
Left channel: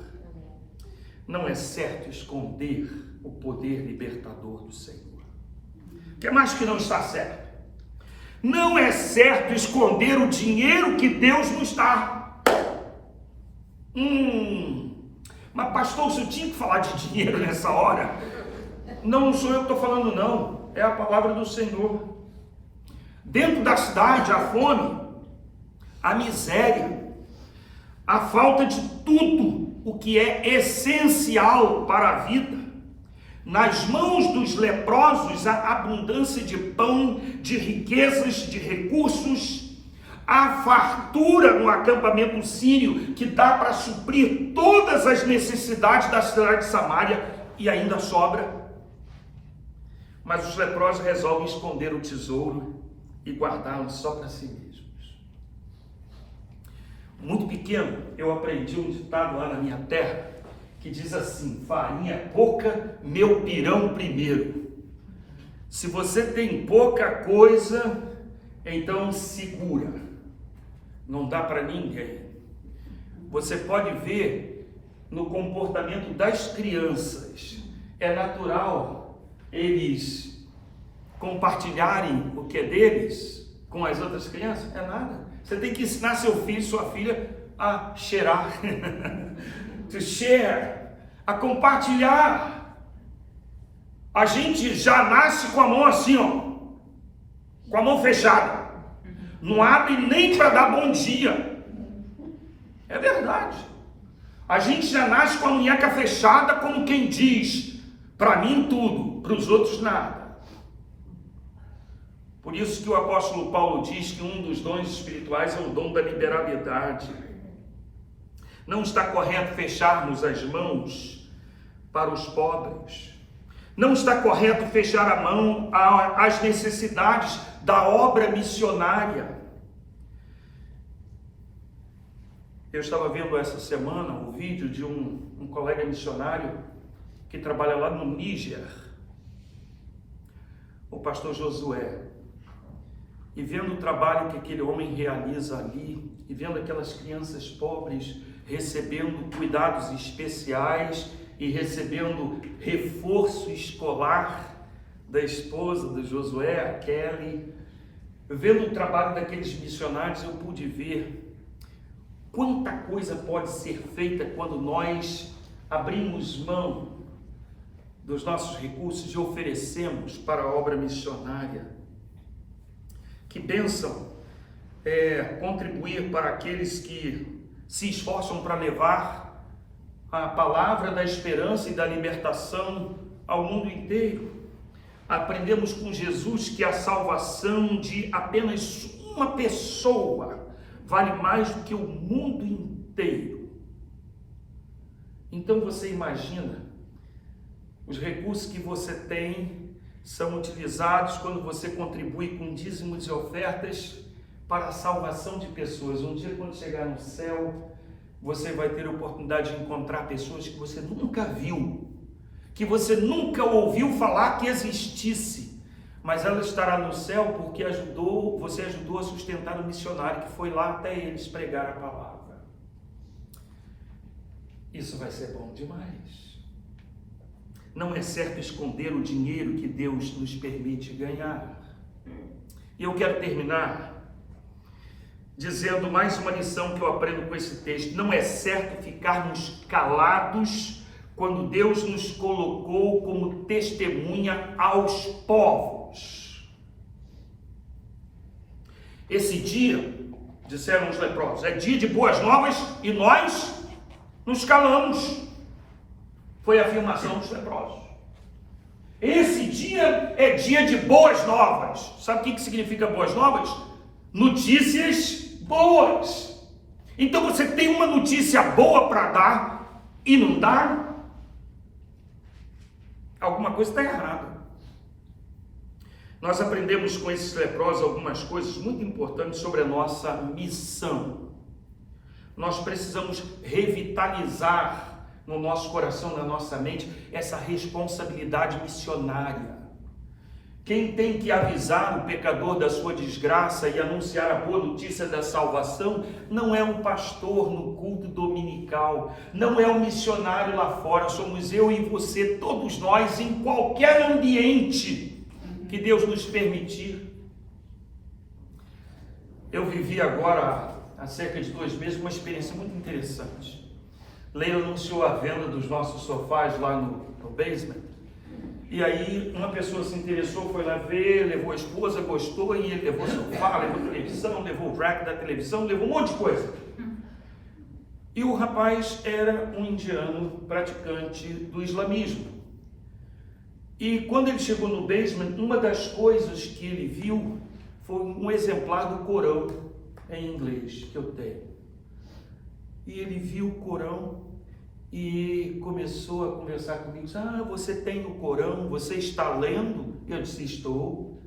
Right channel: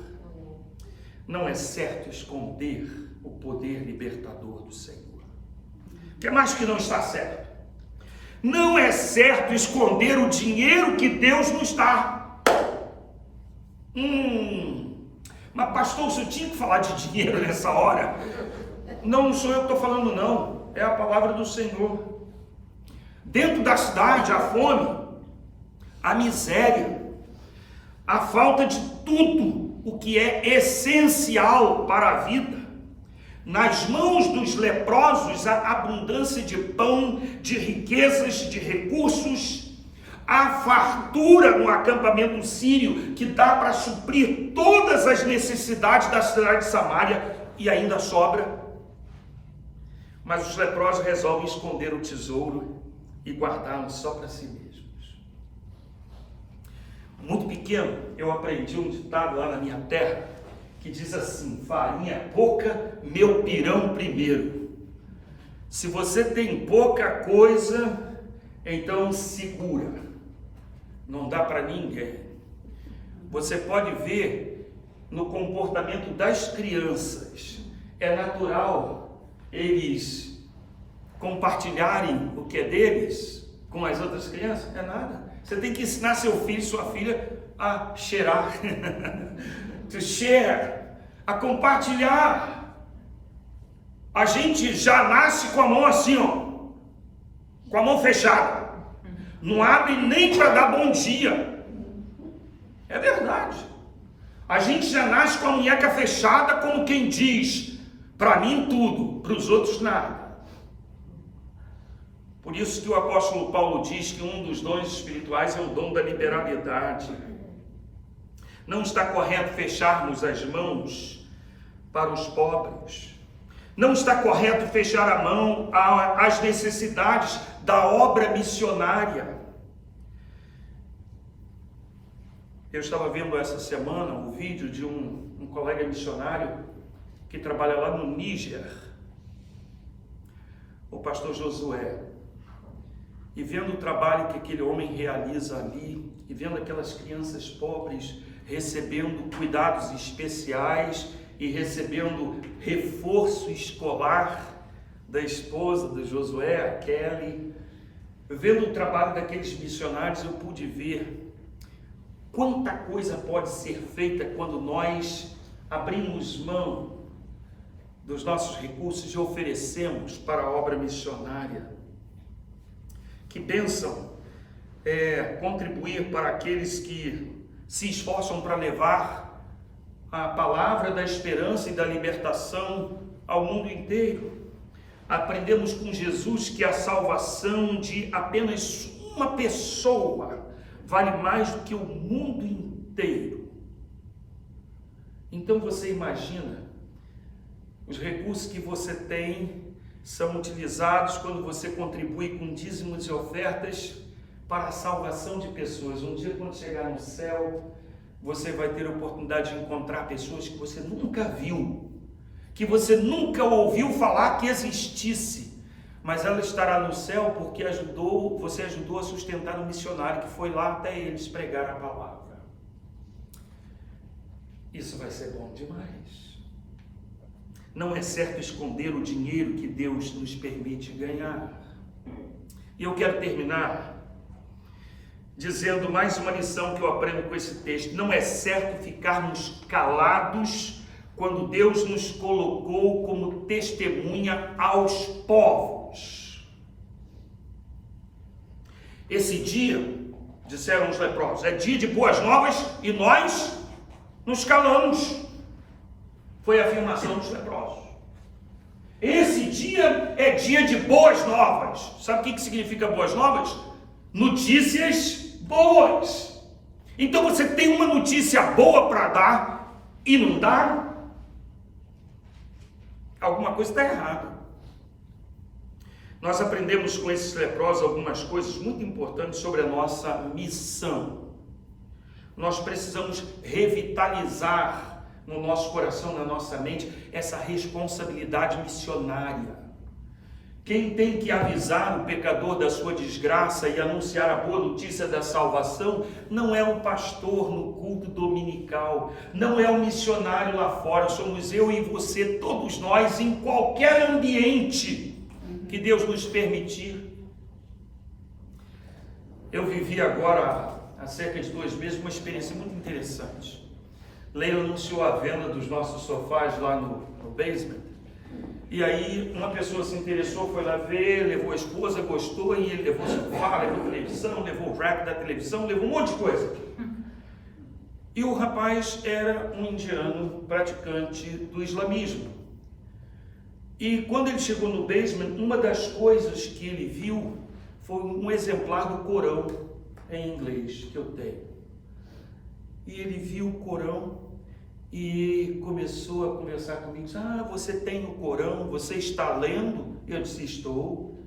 Não é certo esconder o poder libertador do Senhor. O que mais que não está certo? Não é certo esconder o dinheiro que Deus nos dá. Mas pastor, se eu tinha que falar de dinheiro nessa hora, não sou eu que estou falando não, é a palavra do Senhor. Dentro da cidade, a fome, a miséria, a falta de tudo o que é essencial para a vida. Nas mãos dos leprosos, a abundância de pão, de riquezas, de recursos, a fartura no acampamento sírio, que dá para suprir todas as necessidades da cidade de Samaria e ainda sobra. Mas os leprosos resolvem esconder o tesouro e guardá-lo só para si mesmos. Muito pequeno, eu aprendi um ditado lá na minha terra, que diz assim: farinha pouca, meu pirão primeiro. Se você tem pouca coisa, então segura, não dá para ninguém. Você pode ver no comportamento das crianças, é natural eles compartilharem o que é deles com as outras crianças? É nada. Você tem que ensinar seu filho, sua filha a cheirar, to share, a compartilhar. A gente já nasce com a mão assim, ó, com a mão fechada, não abre nem para dar bom dia. É verdade. A gente já nasce com a munheca fechada, como quem diz: para mim tudo, para os outros nada. Por isso que o apóstolo Paulo diz que um dos dons espirituais é o dom da liberalidade. Não está correto fecharmos as mãos para os pobres. Não está correto fechar a mão às necessidades da obra missionária. Eu estava vendo essa semana um vídeo de um colega missionário que trabalha lá no Níger, o pastor Josué. E vendo o trabalho que aquele homem realiza ali, e vendo aquelas crianças pobres recebendo cuidados especiais e recebendo reforço escolar da esposa do Josué, a Kelly, vendo o trabalho daqueles missionários, eu pude ver quanta coisa pode ser feita quando nós abrimos mão dos nossos recursos e oferecemos para a obra missionária. Que bênção contribuir para aqueles que se esforçam para levar a palavra da esperança e da libertação ao mundo inteiro. Aprendemos com Jesus que a salvação de apenas uma pessoa vale mais do que o mundo inteiro. Então você imagina, os recursos que você tem são utilizados quando você contribui com dízimos e ofertas para a salvação de pessoas. Um dia, quando chegar no céu, você vai ter a oportunidade de encontrar pessoas que você nunca viu, que você nunca ouviu falar que existisse, mas ela estará no céu porque você ajudou a sustentar um missionário que foi lá até eles pregar a palavra. Isso vai ser bom demais. Não é certo esconder o dinheiro que Deus nos permite ganhar. E eu quero terminar dizendo mais uma lição que eu aprendo com esse texto. Não é certo ficarmos calados quando Deus nos colocou como testemunha aos povos. Esse dia, disseram os leprosos, é dia de boas novas e nós nos calamos. Foi a afirmação dos leprosos. Esse dia é dia de boas novas. Sabe o que significa boas novas? Notícias boas. Então você tem uma notícia boa para dar e não dá? Alguma coisa está errada. Nós aprendemos com esses leprosos algumas coisas muito importantes sobre a nossa missão. Nós precisamos revitalizar no nosso coração, na nossa mente, essa responsabilidade missionária. Quem tem que avisar o pecador da sua desgraça e anunciar a boa notícia da salvação não é um pastor no culto dominical, não é um missionário lá fora, somos eu e você, todos nós, em qualquer ambiente que Deus nos permitir. Eu vivi agora, há cerca de 2 meses, uma experiência muito interessante. Leila anunciou a venda dos nossos sofás lá no basement. E aí uma pessoa se interessou, foi lá ver, levou a esposa, gostou, e ele levou sofá, levou televisão, levou o rack da televisão, levou um monte de coisa. E o rapaz era um indiano praticante do islamismo. E quando ele chegou no basement, uma das coisas que ele viu foi um exemplar do Corão em inglês que eu tenho. E ele viu o Corão e começou a conversar comigo. Você tem o Corão? Você está lendo? Eu disse, estou.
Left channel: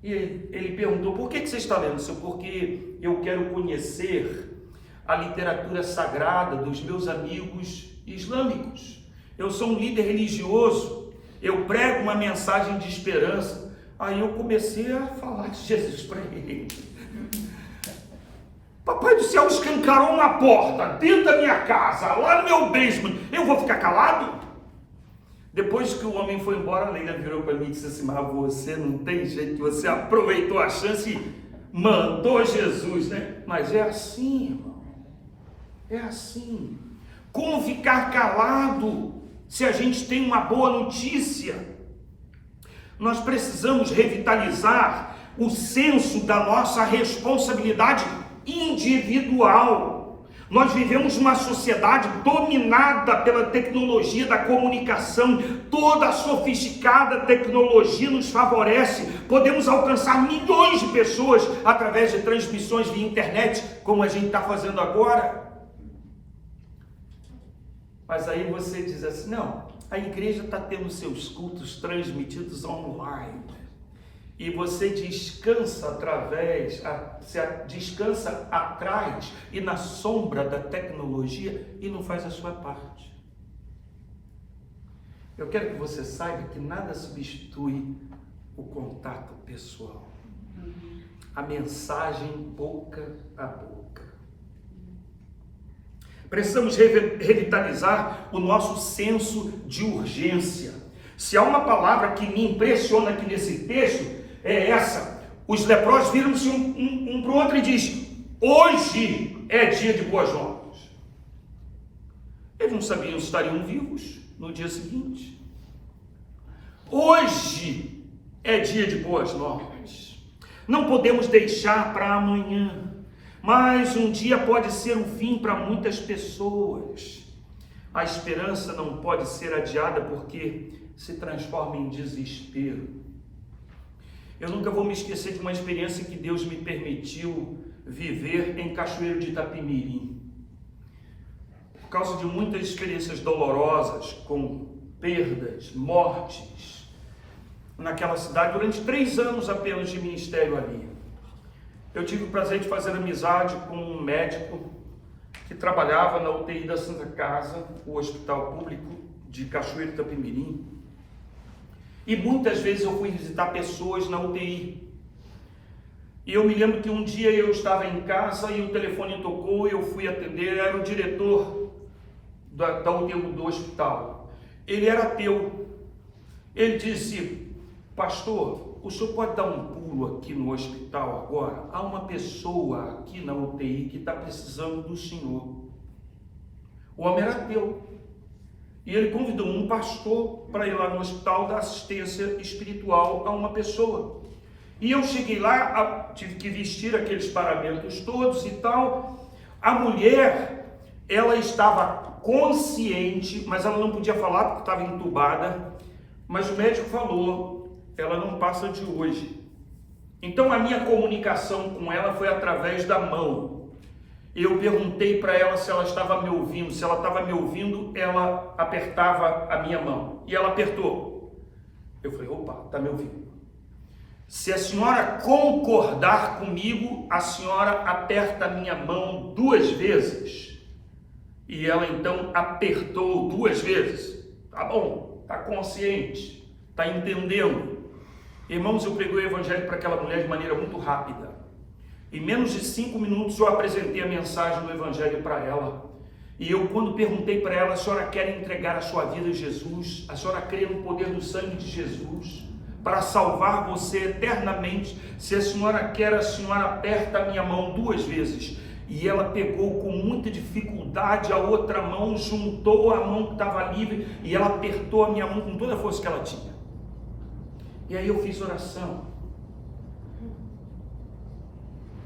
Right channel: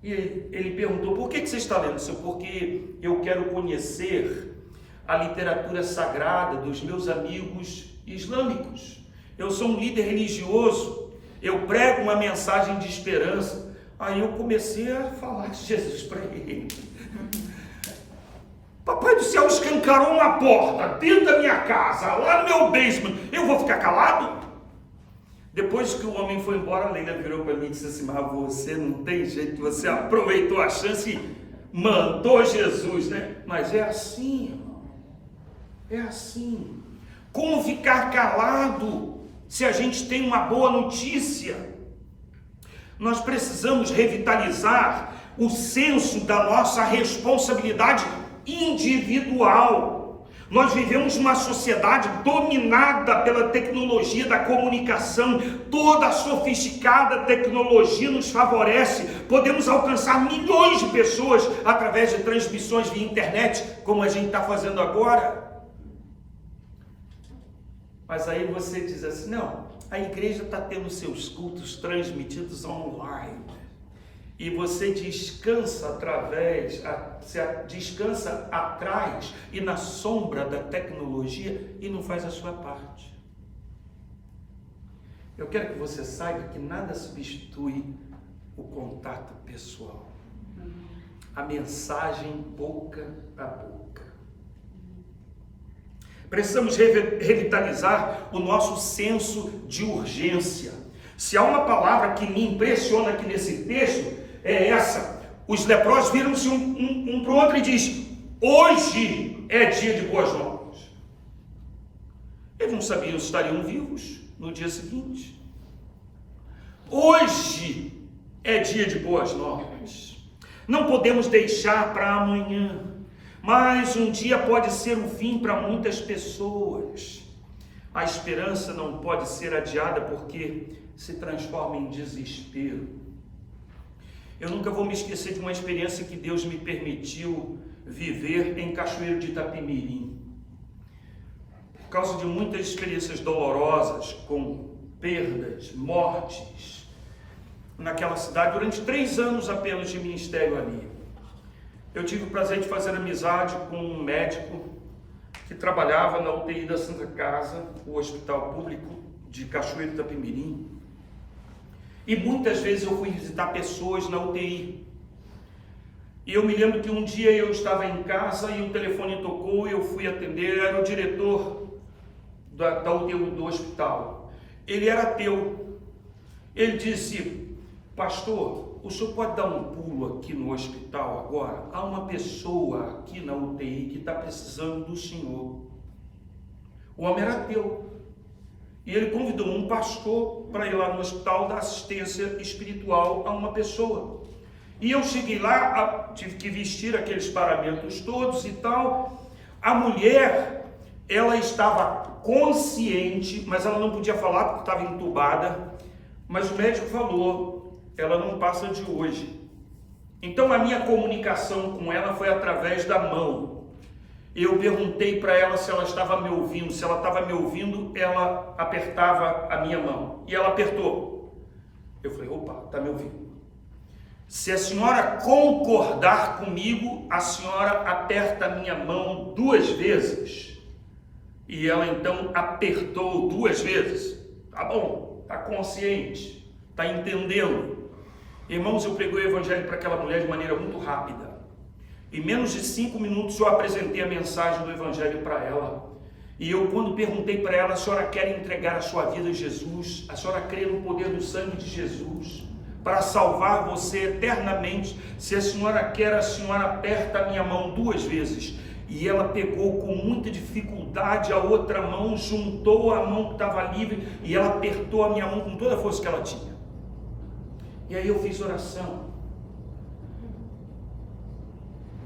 E ele perguntou, por que você está lendo? Eu disse, porque eu quero conhecer a literatura sagrada dos meus amigos islâmicos. Eu sou um líder religioso, eu prego uma mensagem de esperança. Aí eu comecei a falar de Jesus para ele. Papai do céu escancarou uma porta dentro da minha casa, lá no meu basement. Eu vou ficar calado? Depois que o homem foi embora, a Leila virou para mim e disse assim, mas você não tem jeito, você aproveitou a chance e mandou Jesus, né? Mas é assim, irmão. É assim. Como ficar calado se a gente tem uma boa notícia? Nós precisamos revitalizar o senso da nossa responsabilidade individual. Nós vivemos uma sociedade dominada pela tecnologia da comunicação. Toda a sofisticada tecnologia nos favorece. Podemos alcançar milhões de pessoas através de transmissões via internet, como a gente está fazendo agora. Mas aí você diz assim, não, a igreja está tendo seus cultos transmitidos online. E você descansa descansa atrás e na sombra da tecnologia e não faz a sua parte. Eu quero que você saiba que nada substitui o contato pessoal. A mensagem boca a boca. Precisamos revitalizar o nosso senso de urgência. Se há uma palavra que me impressiona aqui nesse texto, é essa. Os leprosos viram-se um para o outro e diz, hoje é dia de boas novas. Eles não sabiam se estariam vivos no dia seguinte. Hoje é dia de boas novas. Não podemos deixar para amanhã, mas um dia pode ser o fim para muitas pessoas. A esperança não pode ser adiada porque se transforma em desespero. Eu nunca vou me esquecer de uma experiência que Deus me permitiu viver em Cachoeiro de Itapemirim. Por causa de muitas experiências dolorosas, com perdas, mortes, naquela cidade, durante 3 anos apenas de ministério ali. Eu tive o prazer de fazer amizade com um médico que trabalhava na UTI da Santa Casa, o hospital público de Cachoeiro de Itapemirim. E muitas vezes eu fui visitar pessoas na UTI. E eu me lembro que um dia eu estava em casa e o telefone tocou e eu fui atender, era o diretor da UTI do hospital. Ele era ateu. Ele disse: pastor, o senhor pode dar um pulo aqui no hospital agora? Há uma pessoa aqui na UTI que está precisando do senhor. O homem era ateu. E ele convidou um pastor para ir lá no hospital dar assistência espiritual a uma pessoa. E eu cheguei lá, tive que vestir aqueles paramentos todos e tal. A mulher, ela estava consciente, mas ela não podia falar porque estava entubada. Mas o médico falou: ela não passa de hoje. Então a minha comunicação com ela foi através da mão. Eu perguntei para ela se ela estava me ouvindo. Se ela estava me ouvindo, ela apertava a minha mão. E ela apertou. Eu falei: opa, está me ouvindo. Se a senhora concordar comigo, a senhora aperta a minha mão 2 vezes. E ela então apertou 2 vezes. Tá bom, está consciente, está entendendo. Irmãos, eu preguei o evangelho para aquela mulher de maneira muito rápida. Em menos de 5 minutos eu apresentei a mensagem do evangelho para ela. E eu, quando perguntei para ela: a senhora quer entregar a sua vida a Jesus? A senhora crê no poder do sangue de Jesus para salvar você eternamente? Se a senhora quer, a senhora aperta a minha mão 2 vezes. E ela pegou com muita dificuldade a outra mão, juntou a mão que estava livre e ela apertou a minha mão com toda a força que ela tinha. E aí eu fiz oração,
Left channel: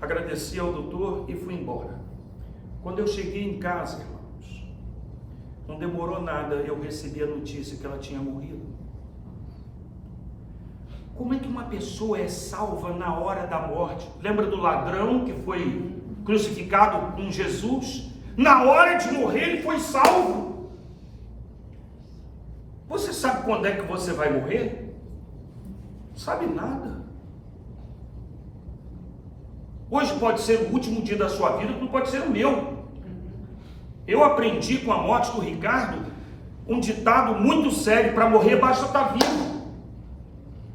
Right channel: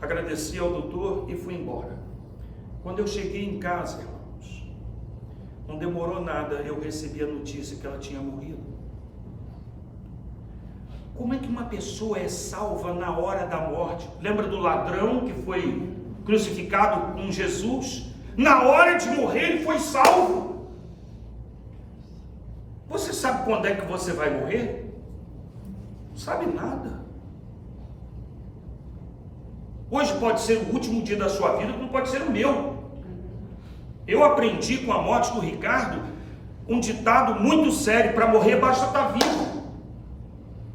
agradeci ao doutor e fui embora. Quando eu cheguei em casa, irmãos, não demorou nada, eu recebi a notícia que ela tinha morrido. Como é que uma pessoa é salva na hora da morte? Lembra do ladrão que foi crucificado com Jesus? Na hora de morrer ele foi salvo. Você sabe quando é que você vai morrer? Não sabe nada. Hoje pode ser o último dia da sua vida, como pode ser o meu. Eu aprendi com a morte do Ricardo um ditado muito sério: para morrer basta estar vivo.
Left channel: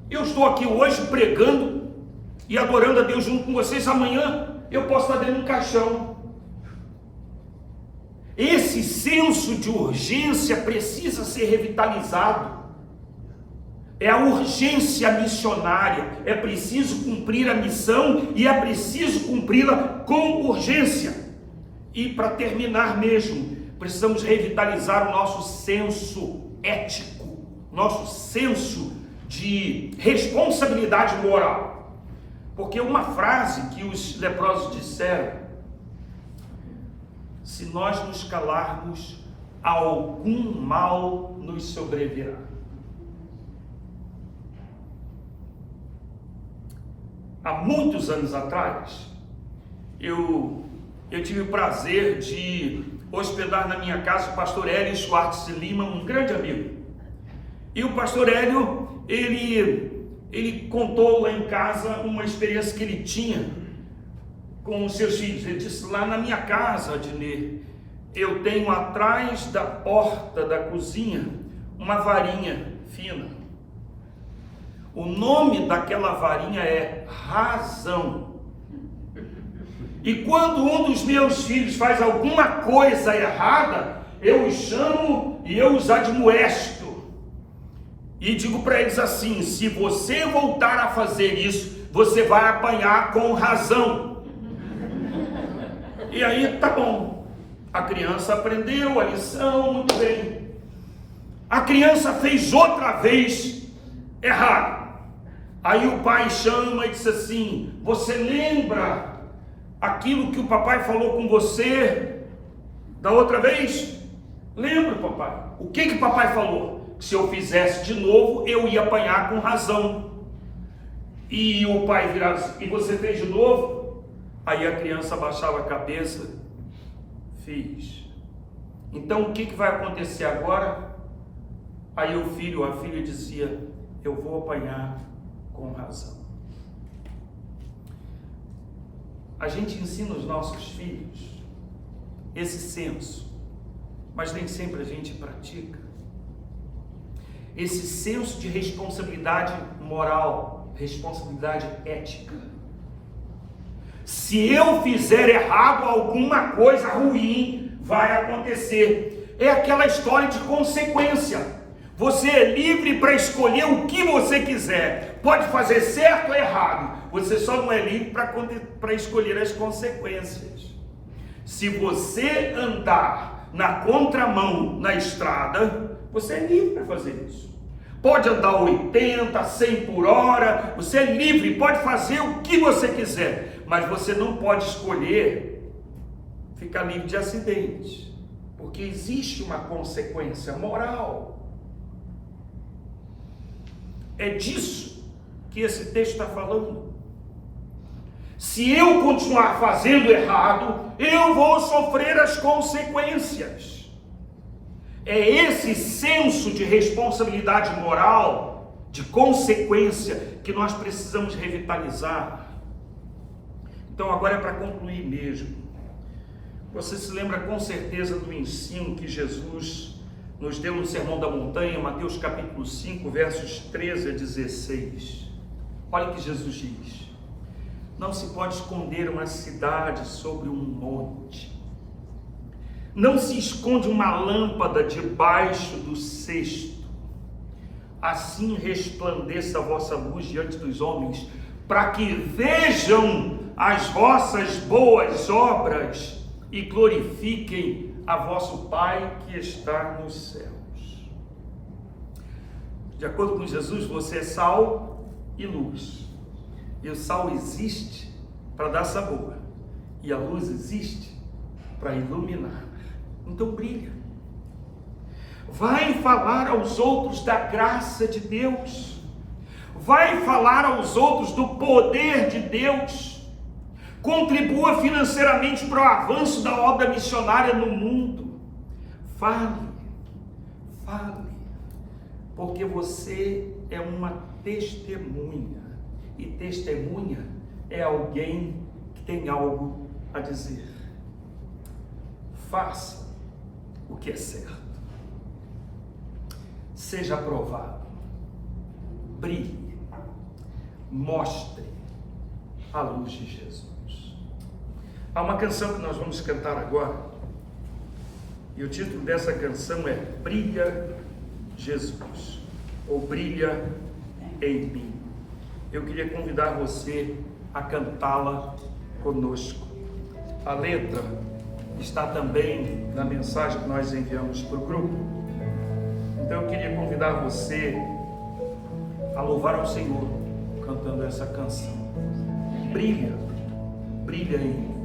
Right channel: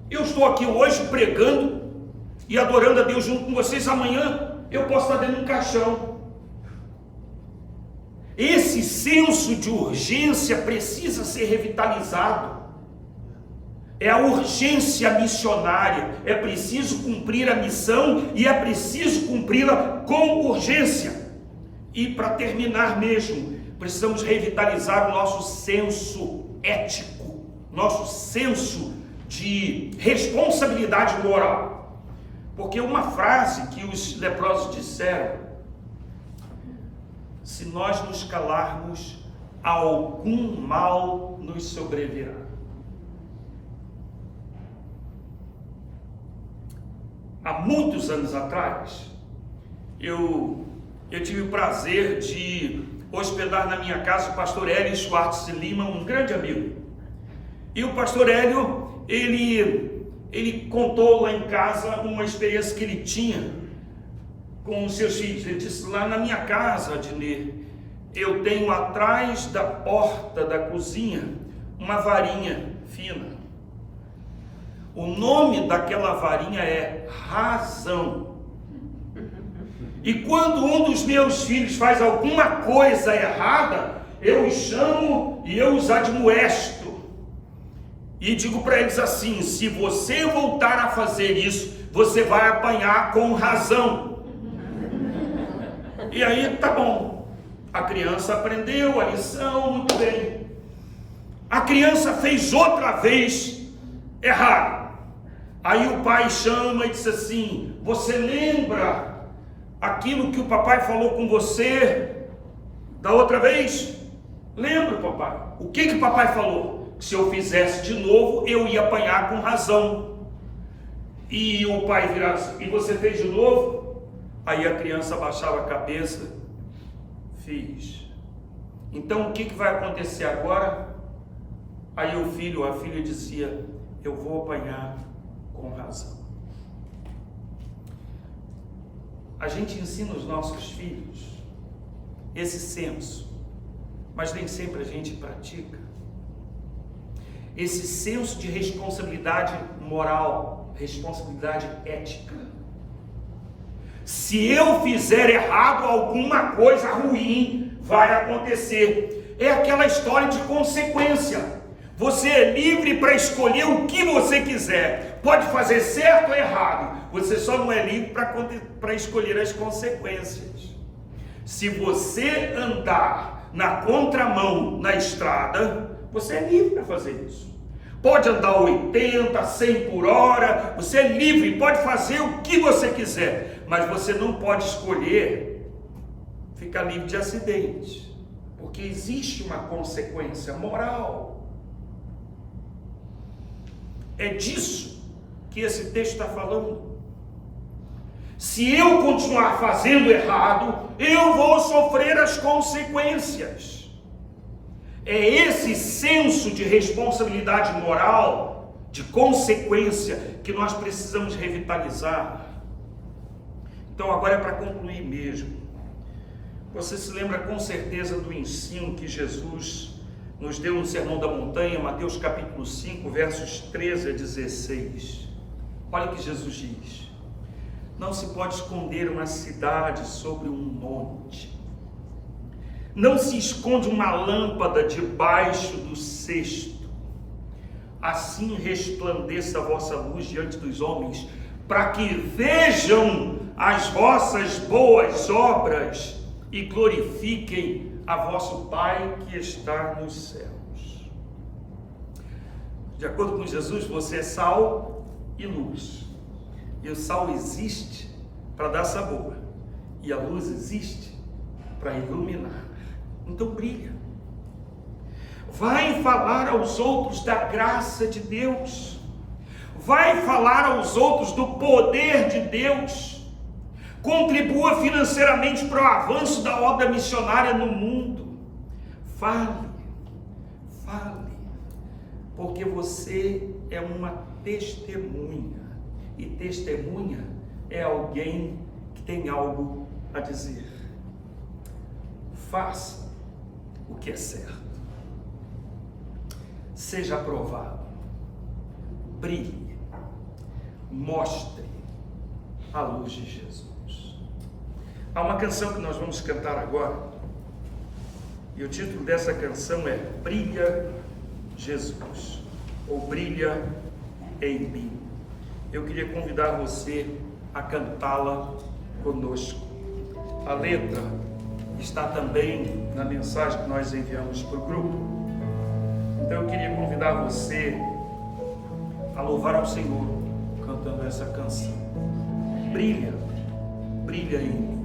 Eu estou aqui hoje pregando e adorando a Deus junto com vocês. Amanhã eu posso estar dentro de um caixão. Esse senso de urgência precisa ser revitalizado. É a urgência missionária. É preciso cumprir a missão e é preciso cumpri-la com urgência. E para terminar mesmo, precisamos revitalizar o nosso senso ético, nosso senso de responsabilidade moral. Porque uma frase que os leprosos disseram: se nós nos calarmos, algum mal nos sobrevirá. Há muitos anos atrás, eu tive o prazer de hospedar na minha casa o pastor Hélio Schwartz de Lima, um grande amigo. E o pastor Hélio, ele contou lá em casa uma experiência que ele tinha com os seus filhos. Ele disse: lá na minha casa, Adnê, eu tenho atrás da porta da cozinha uma varinha fina. O nome daquela varinha é razão. E quando um dos meus filhos faz alguma coisa errada, eu os chamo e eu os admoesto. E digo para eles assim: se você voltar a fazer isso, você vai apanhar com razão. E aí, tá bom. A criança aprendeu a lição, muito bem. A criança fez outra vez errado. Aí o pai chama e diz assim: você lembra aquilo que o papai falou com você da outra vez? Lembro, papai. O que o papai falou? Que se eu fizesse de novo, eu ia apanhar com razão. E o pai virava assim: e você fez de novo? Aí a criança baixava a cabeça: fiz. Então o que vai acontecer agora? Aí o filho, a filha dizia: eu vou apanhar com razão. A gente ensina os nossos filhos esse senso, mas nem sempre a gente pratica. Esse senso de responsabilidade moral, responsabilidade ética. Se eu fizer errado, alguma coisa ruim vai acontecer. é aquela história de consequência. Você é livre para escolher o que você quiser. Pode fazer certo ou errado. Você só não é livre para escolher as consequências. Se você andar na contramão na estrada, você é livre para fazer isso. Pode andar 80, 100 por hora, você é livre, pode fazer o que você quiser. Mas você não pode escolher ficar livre de acidente. Porque existe uma consequência moral. É disso que esse texto está falando. Se eu continuar fazendo errado, eu vou sofrer as consequências. É esse senso de responsabilidade moral, de consequência, que nós precisamos revitalizar. Então agora é para concluir mesmo. Você se lembra com certeza do ensino que Jesus nos deu no Sermão da Montanha, Mateus capítulo 5, versos 13 a 16. Olha o que Jesus diz: não se pode esconder uma cidade sobre um monte, não se esconde uma lâmpada debaixo do cesto, assim resplandeça a vossa luz diante dos homens, para que vejam as vossas boas obras e glorifiquem a vosso Pai que está nos céus. De acordo com Jesus, você é sal e luz. E o sal existe para dar sabor. E a luz existe para iluminar. Então brilha. Vai falar aos outros da graça de Deus. Vai falar aos outros do poder de Deus. Contribua financeiramente para o avanço da obra missionária no mundo. Fale, porque você é uma testemunha, e testemunha é alguém que tem algo a dizer. Faça o que é certo, seja aprovado, brilhe, mostre a luz de Jesus. Há uma canção que nós vamos cantar agora, e o título dessa canção é Brilha Jesus, ou Brilha em mim. Eu queria convidar você a cantá-la conosco. A letra está também na mensagem que nós enviamos para o grupo. Então eu queria convidar você a louvar ao Senhor cantando essa canção. Brilha, brilha em mim.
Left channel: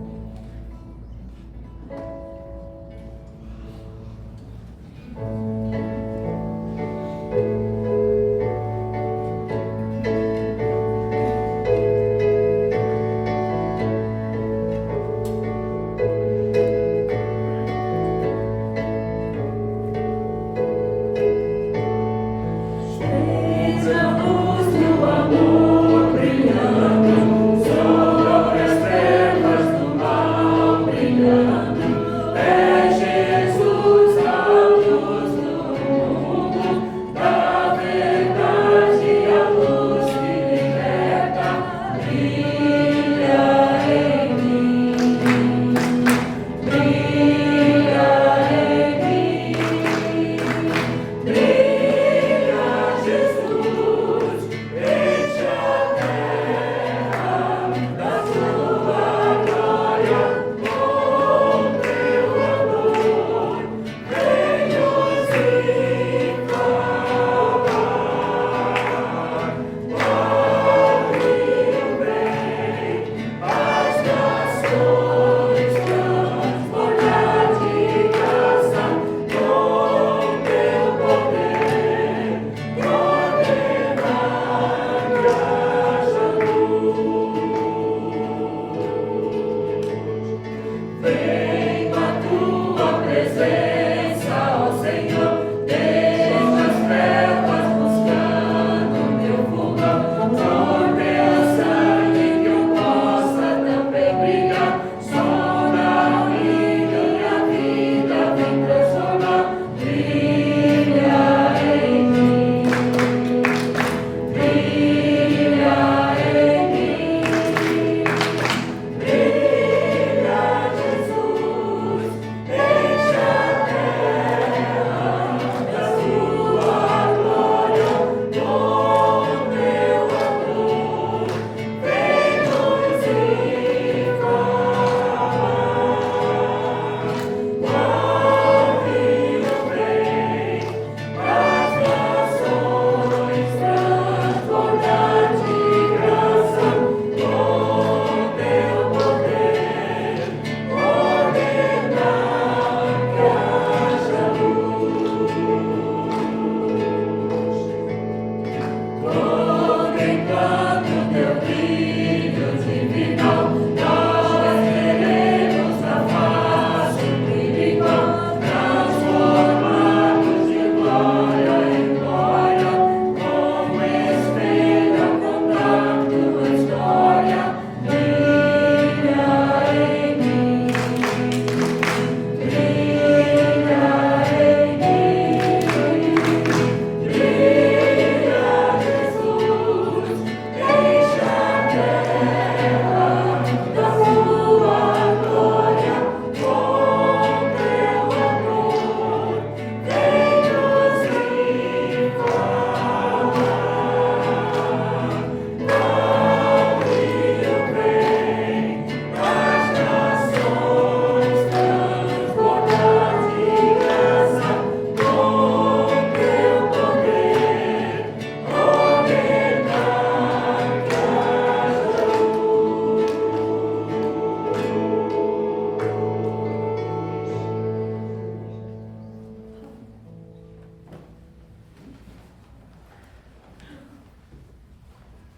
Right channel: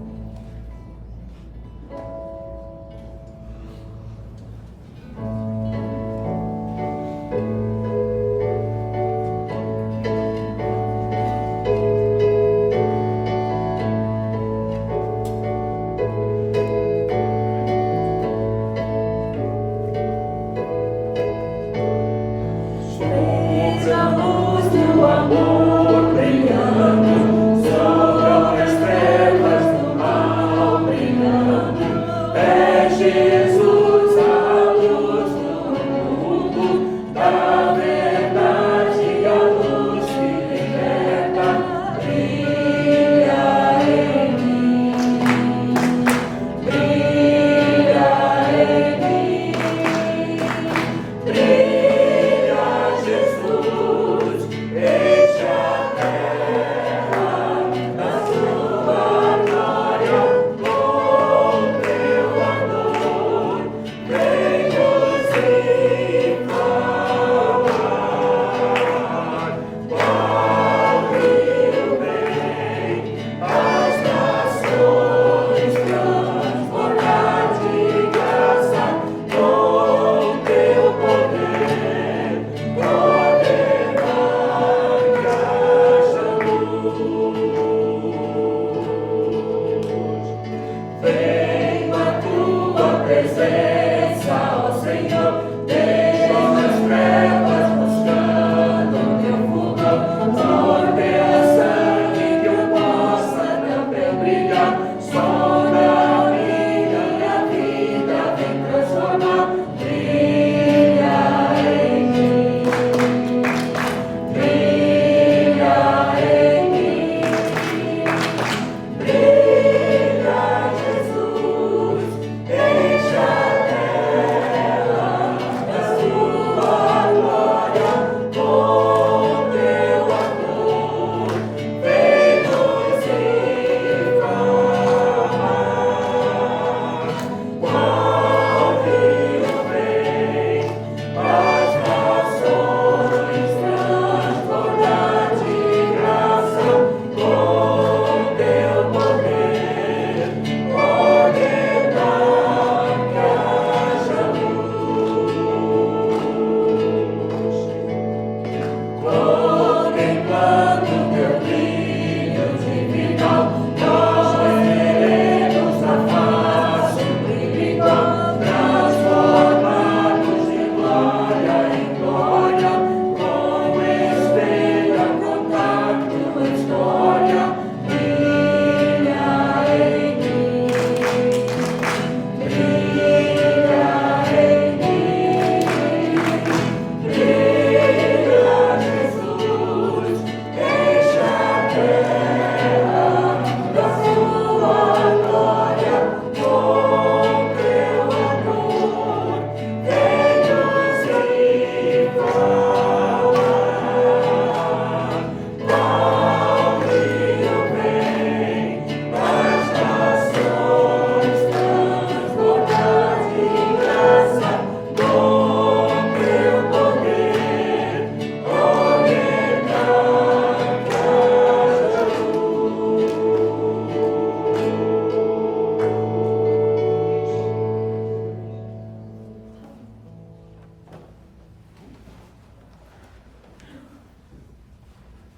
Fez a luz do amor brilhando sobre as trevas do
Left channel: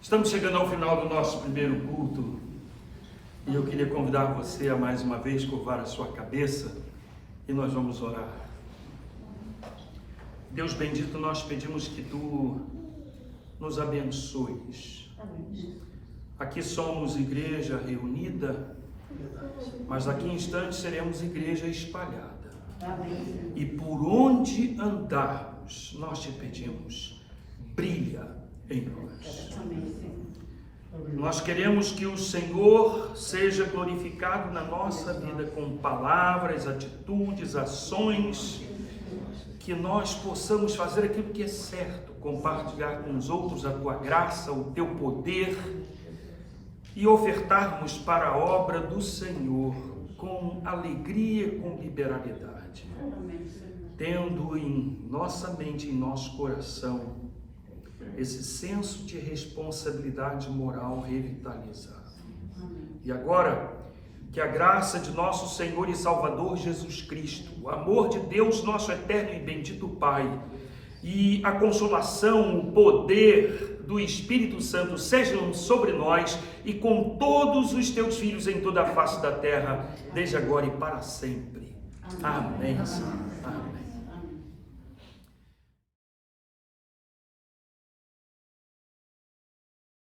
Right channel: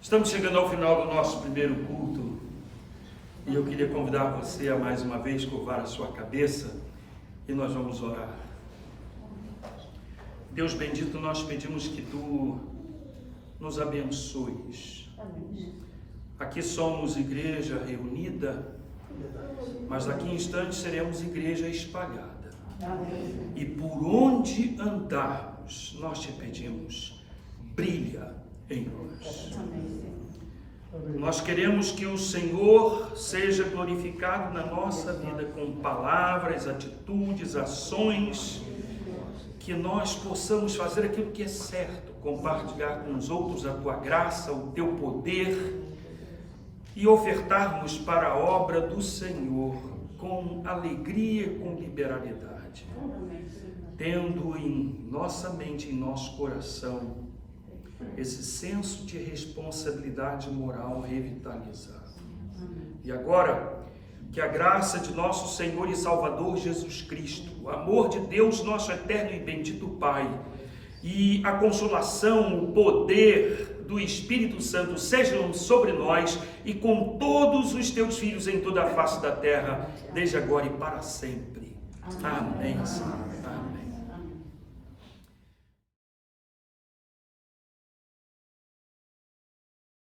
Estamos chegando ao final do nosso primeiro culto e eu queria convidar você a mais uma vez curvar a sua cabeça e nós vamos orar. Deus bendito, nós pedimos que Tu nos abençoes. Aqui somos igreja reunida, mas daqui em instantes seremos igreja espalhada. E por onde andarmos, nós te pedimos, brilha em nós. Nós queremos que o Senhor seja glorificado na nossa vida com palavras, atitudes, ações, que nós possamos fazer aquilo que é certo, compartilhar com os outros a Tua graça, o Teu poder e ofertarmos para a obra do Senhor com alegria e com liberalidade, tendo em nossa mente, em nosso coração, esse senso de responsabilidade moral revitalizado. E agora, que a graça de nosso Senhor e Salvador Jesus Cristo, o amor de Deus, nosso eterno e bendito Pai, e a consolação, o poder do Espírito Santo sejam sobre nós e com todos os teus filhos em toda a face da terra, desde agora e para sempre. Amém, Senhor. Amém.